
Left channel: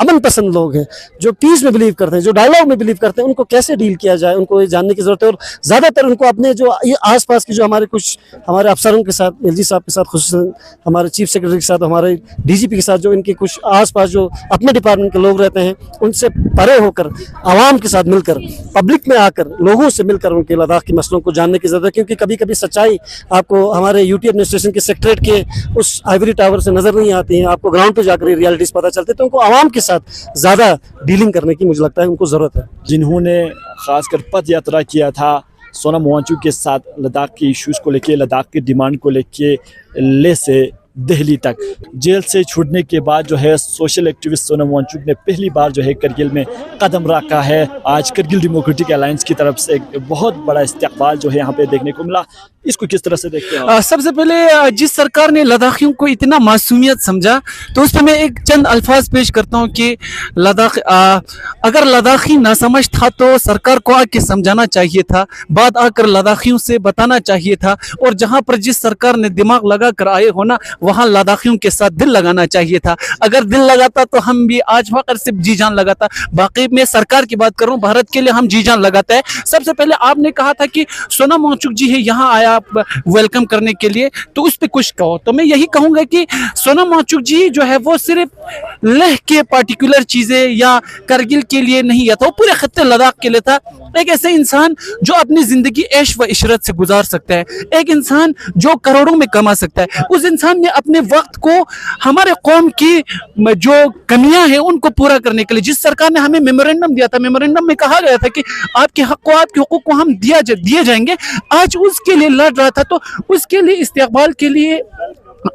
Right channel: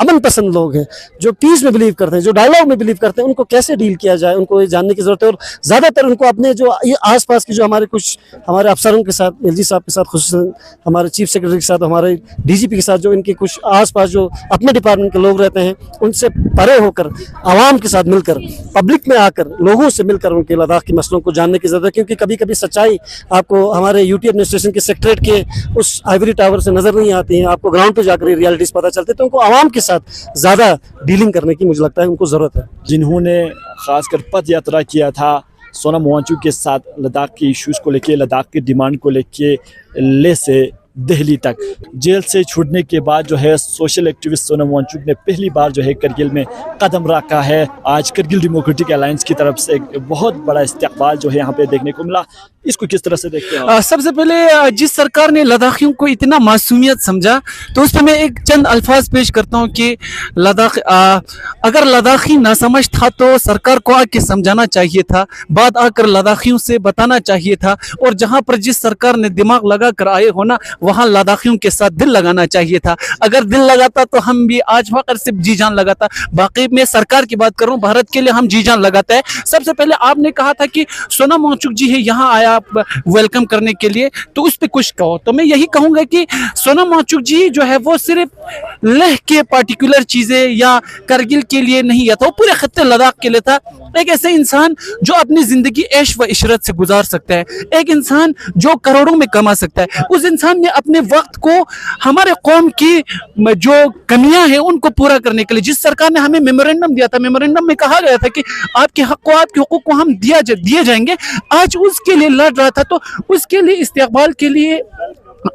अमन पसंद लोग हैं, जो पीस में बिलीव करते हैं, जो डायलॉग में बिलीव करते हैं, उनको कैसे डील किया जाए, उनको ये जानने की जरूरत है। और ज़्यादातर उनको अपने जो ये आसपास की जो हमारे कुछ हमारे अफसरों के साथ, LG साहब के साथ, खुसूसन हमारे चीफ सेक्रेटरी के साथ, हमारे DGP के साथ, जो इनके कुछ आसपास जो अपने डिपार्टमेंट के लोग रहते हैं, उनसे परे होकर आवाम के साथ मिलकर, पब्लिक में आकर, लोगों से मिलकर उनके लद्दाख के मसलों को जानने की जरूरत है। क्योंकि कभी कभी सच्चाई आपको हमारे यूटी एडमिनिस्ट्रेशन के सेक्रेटरीट के उस आइवरी टावर से नजर नहीं आती है, आपको ग्राउंड पर जाकर रियलिटीज पता चलते। तो उनको आवाम के साथ ज़्यादा डीलिंग करने की मुझे लगता है उनको ज़रूरत है। जिन्होंने खासकर पद यात्रा किया था सोनम वांगचुक के साथ लद्दाख के इश्यूज़ को लेके, लद्दाख की डिमांड को लेके लेह से दिल्ली तक। जेल से छूटने के बाद जो है सोशल एक्टिविस्ट सोनम वांगचुक ने पहली बार जो है करगिल में कदम रखा है। आज करगिल डेमोक्रेटिक अलायंस की तरफ से एक बहुत बड़ा इस्तकबाल जो है यहाँ पे देखने को मिला। इसको किस तरह से देखते हैं? सबसे पहले जिस सरकार ने लद्दाखियों को इतना मासूमियत समझा, तो उस पर मैं एक चंद अल्फाज पेश करता हूँ कि लद्दाख अगर लद्दाखी ना समझ था तो सरकार को आके समझाना चाहिए था, बात आकर लद्दाखियों से बताना चाहिए था, और जहाँ पर जिस सरकार ने दिमाग लगा कर आए हो ना, वहाँ लद्दाखियों के साथ दिल लगाना चाहिए था। अगर दिल लगाता तो हम भी आज वहाँ सिर्फ जी जान लगाता। बाकी मैं सरकार की बात कर रहा हूँ, भारत के लिए हम जी जान लगाते हैं। सबसे पहले आपने कहा था कि सोनम वांगचुक जी है यहाँ आया वेलकम करने के लिए, तो उस पर कुछ कहो। तो मैं यही कहूंगा कि सोनम वांगचुक जी जो है वो सिर्फ लेह के पार्टिकुलर चीजें या करगिल के लिए नहीं था, वो पूरे खत्ते लद्दाख के लिए था। एक ऐसे इंसान जो अपनी जिंदगी ऐश व इशरत से गुजार सकता है, एक इंसान जो करोड़ों में कमा सकता है, उस इंसान ने अपने वक्त को हमारे कौम की जो कमियां हैं उनको पूरा करने के लिए, जिस सरकार ने हमें मेमोरेंडम दिया था, मेमोरेंडम में कहा गया था कि आपके हक को, आपके हुकूक को हम दिए जाएंगे, आज उसके लिए लड़ रहा था। तो उसके लिए इस्तकबाल के लिए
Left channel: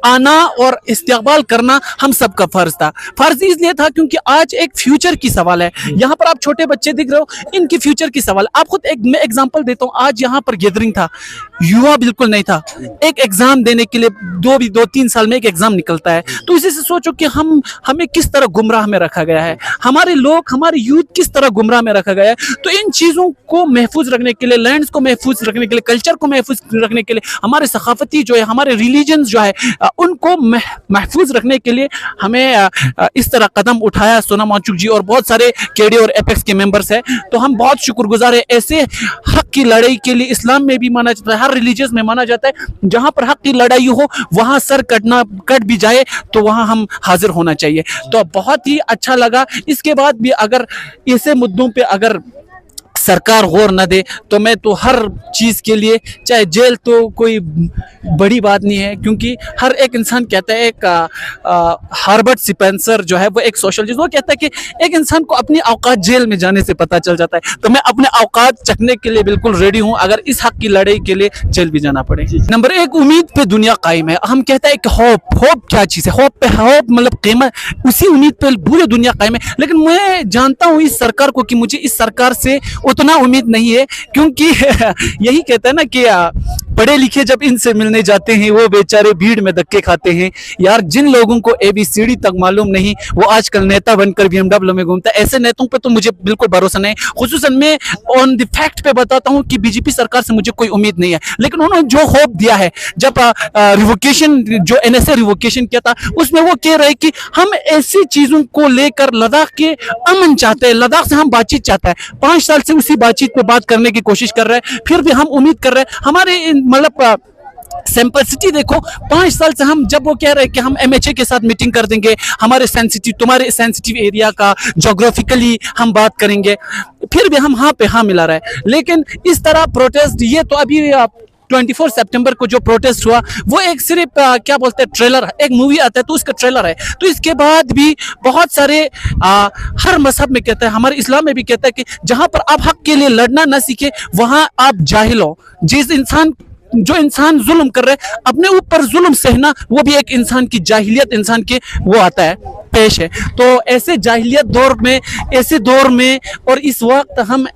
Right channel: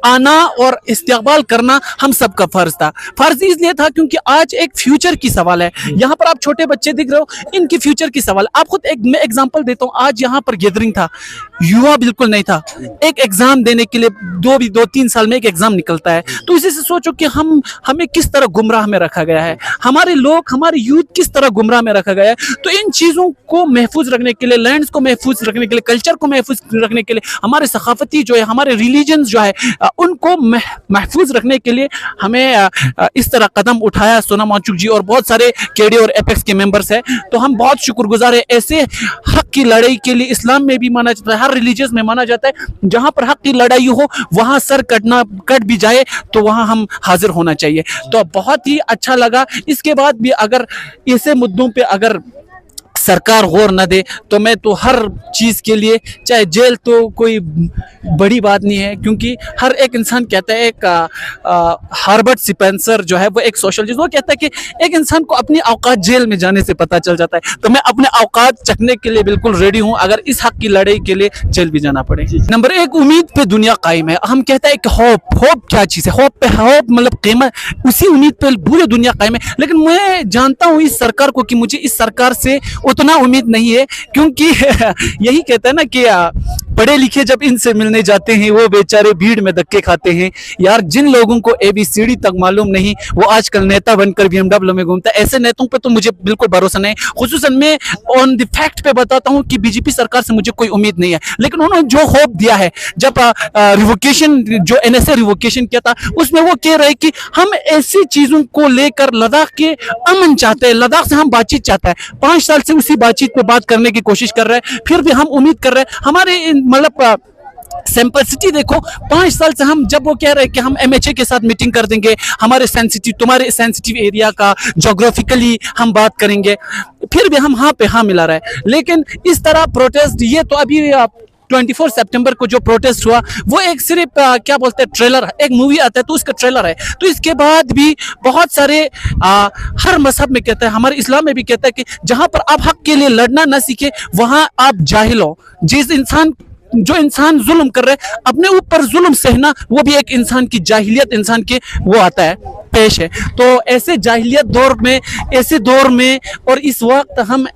आना और इस्तकबाल करना हम सबका फर्ज था। फर्ज इसलिए था क्योंकि आज एक फ्यूचर की सवाल है। यहाँ पर आप छोटे बच्चे दिख रहे हो, इनकी फ्यूचर की सवाल। आप खुद मैं एग्जांपल देता हूँ, आज यहाँ पर गैदरिंग था, युवा बिल्कुल नहीं था। एक एग्जाम देने के लिए 2-3 साल में एक एग्जाम निकलता है। तो इसी से सोचो कि हमें किस तरह गुमराह में रखा गया है, हमारे लोग, हमारे यूथ किस तरह गुमराह में रखा गया है। तो इन चीजों को महफूज रखने के लिए, लैंड्स को महफूज रखने के लिए, कल्चर को महफूज रखने के लिए, हमारे सकाफती जो है, हमारे रिलीजन जो है, उनको महफूज रखने के लिए हमें इस तरह कदम उठाया सोनम वांगचुक जी और बहुत सारे केडी और एपेक्स के मेंबर्स हैं। तो हम बहुत शुक्रगुजार है। ऐसे हक की लड़ाई के लिए इस्लाम में भी माना जाता है, हर रिलीजियस में माना जाता है, जहां पर हक की लड़ाई हो वहां सर कट भी जाए तो वहां हम हाजिर होना चाहिए। तो बहुत ही अच्छा लगा। इसके बाद भी अगर ऐसे मुद्दों पे अगर सरकार गौर न दे तो मैं तो हर चीज़ के लिए, चाहे जेल तो कोई बड़ी बात नहीं है, क्योंकि हर एक इंसान कहता है, एक हार्बर्ट स्पेंसर जो है वो एक सोशलिस्ट, वो कहता है कि एक इंसान को अपनी औकात जेल में जाने से पता चल जाता है। तो मैं अपने औकात चखने के लिए बिल्कुल रेडी हूँ, अगर इस हक की लड़ाई के लिए जेल भी जाना पड़े। नंबर 1, उम्मीद पे दुनिया कायम है। हम कहते हैं कि होप क्या चीज़ है, होप मतलब कीमत, उसी उम्मीद पे पूरी दुनिया कायम है। लेकिन मैं जानता हूँ इस सरकार को कि मुझे इस सरकार से उतना उम्मीद नहीं है, क्योंकि यही कहता है ना कि पढ़े लिखे जब इनसे मिलने जाते हैं वो बेचारे भीड़ में धक्के खाते हैं। यार, जिन लोगों को ABCD तक मालूम नहीं वो आजकल नेता बनकर BMW में घूमता है। ऐसे नेताओं पे तो मुझे बिल्कुल भरोसा नहीं। खुसूसन मैं ऑन द फैक्ट पे बताता हूँ कि बीजेपी सरकार से मुझे कोई उम्मीद नहीं है। लेकिन उन्होंने जो होप दिया है, जब रिवोकेशन, जो NSA रिवोकेशन किया था, उसमें वो कह रहे कि हम ऐसी चीजों को लेकर लद्दाख के अमन चाहते हैं, लद्दाख से हम बातचीत चाहते हैं। 5 साल से उसी बातचीत पे बात करने की कोशिश कर रहे हैं, फिर भी हम उम्मीद कर रहे हैं। हमारे मतलब सिंपलिसिटी देखो, 5 साल से हम, जब वो कह रहे हैं कि हम MHA के साथ मीटिंग कर देंगे, हमारे तुम्हारे सेंसिटिव एरिया का जोग्राफिकली हम बात करेंगे, फिर भी हम हाँ पे हाँ मिला रहे। लेकिन इस तरह प्रोटेस्ट, ये तो अभी 24 सितंबर को जो प्रोटेस्ट हुआ वो एक सिर्फ क्या बोलते हैं, ट्रेलर, एक मूवी आता है तो उसका ट्रेलर है। तो इसके बाद भी बहुत सारे हर मजहब में कहता है, हमारे इस्लाम में भी कहता है कि जहां पर आप हक के लिए लड़ना ना सीखे वहां आप जाहिल हो। जो इंसान जुल्म कर रहे हैं, अपने ऊपर जुल्म सहना, वो भी एक इंसान की जाहिलियत, इंसान के वो आता है, पेश है। तो ऐसे जाहिलियत दौर में, ऐसे दौर में और इस वक्त हम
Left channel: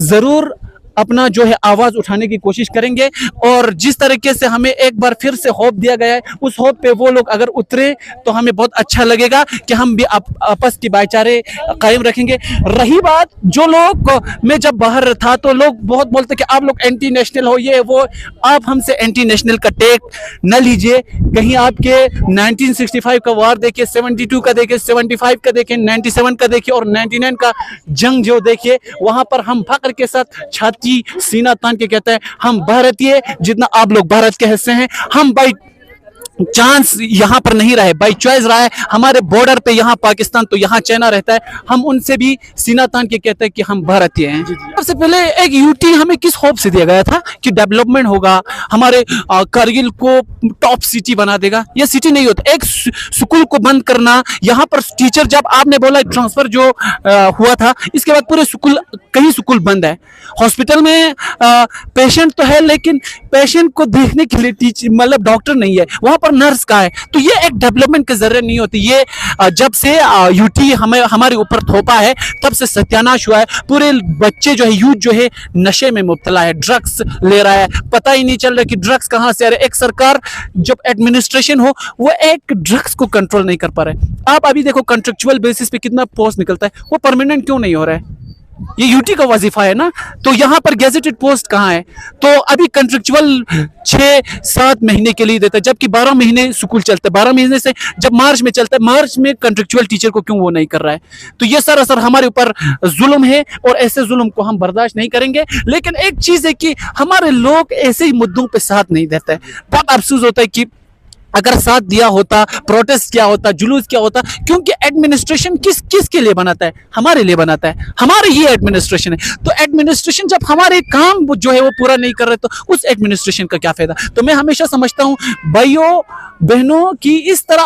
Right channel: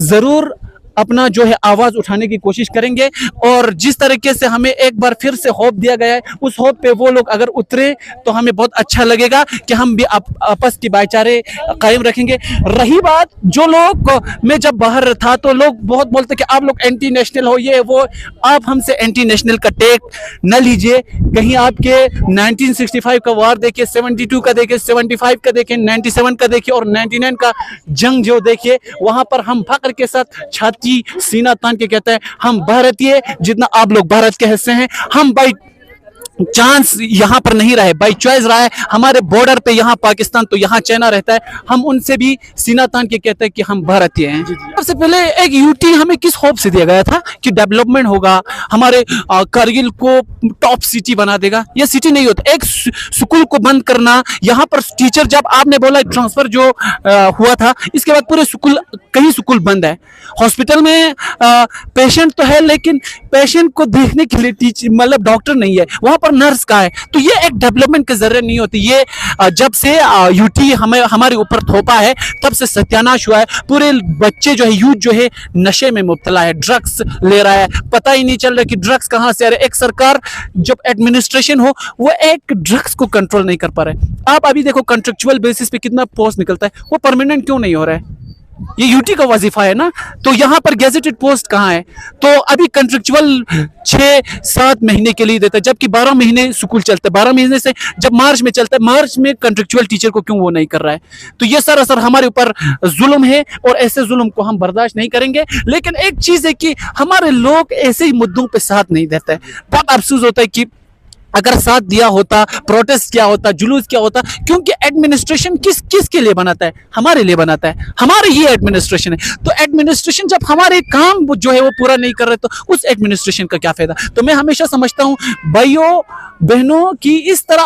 जरूर अपना जो है आवाज उठाने की कोशिश करेंगे। और जिस तरीके से हमें एक बार फिर से होप दिया गया है, उस होप पे वो लोग अगर उतरे तो हमें बहुत अच्छा लगेगा कि हम भी आपस की भाईचारे कायम रखेंगे। रही बात, जो लोग, मैं जब बाहर था तो लोग बहुत बोलते कि आप लोग एंटी नेशनल हो, ये वो। आप हमसे एंटी नेशनल का टेक न लीजिए। कहीं आपके 1965 का वार देखिए, 72 का देखिए, 75 का देखिए, 97 का देखिए और 99 का जंग जो देखिए, वहां पर हम फख्र के साथ छाती सीना तान के कहते हैं हम भारतीय, जितना आप लोग भारत के हिस्से हैं। हम भाई चांस यहाँ पर नहीं रहे, बाई चॉइस रहा है। हमारे बॉर्डर पे यहाँ पाकिस्तान तो यहाँ चाइना रहता है, हम उनसे भी सीना तान के कहते हैं कि हम भारतीय हैं। सबसे पहले एक यूटी हमें किस होप से दिया गया था कि डेवलपमेंट होगा, हमारे कारगिल को टॉप सिटी बना देगा। ये सिटी नहीं होता। एक स्कूल को बंद करना, यहाँ पर टीचर, जब आपने बोला ट्रांसफर जो हुआ था, इसके बाद पूरे स्कूल, कई स्कूल बंद है। हॉस्पिटल में पेशेंट तो है, लेकिन पेशेंट को देखने के लिए टीचर मतलब डॉक्टर नहीं है, वहां पर नर्स का है। तो ये एक डेवलपमेंट के जरिए नहीं होती। ये जब से यूटी हमें हमारे ऊपर थोपा है, तब से सत्यानाश हुआ है। पूरे बच्चे जो है, यूथ जो है, नशे में मुब्तला है, ड्रग्स ले रहा है, पता ही नहीं चल रहा कि ड्रग्स कहां से आ रहे। एक सरकार जब एडमिनिस्ट्रेशन हो, वो एक ड्रग्स को कंट्रोल नहीं कर पा रहे। आप अभी देखो कॉन्ट्रेक्चुअल बेसिस पे कितना पोस्ट निकलता है, वो परमानेंट क्यों नहीं हो रहा है? ये यूटी का वजीफा है ना। तो यहाँ पर गैजेटेड पोस्ट कहाँ है? तो अभी कंट्रेक्चुअल 6-7 महीने के लिए देता है, जबकि 12 महीने स्कूल चलते हैं। 12 महीने से जब मार्च में चलता है, मार्च में कंट्रेक्चुअल टीचर को क्यों वो नहीं कर रहा है? तो ये सरासर हमारे ऊपर जुल्म है, और ऐसे जुल्म को हम बर्दाश्त नहीं करेंगे। लेकिन एक चीज है कि हमारे लोग ऐसे ही मुद्दों पे साथ नहीं देते हैं। बहुत अफसोस होता है कि अगर साथ दिया होता, प्रोटेस्ट किया होता, जुलूस किया होता, क्योंकि एडमिनिस्ट्रेशन किसके लिए बनाता है? हमारे लिए बनाता है। हमारे ये एडमिनिस्ट्रेशन है। तो एडमिनिस्ट्रेशन जब हमारे काम जो है वो पूरा नहीं कर रहे, तो उस एडमिनिस्ट्रेशन का क्या फायदा? तो मैं हमेशा समझता हूं भाइयों बहनों की इस तरह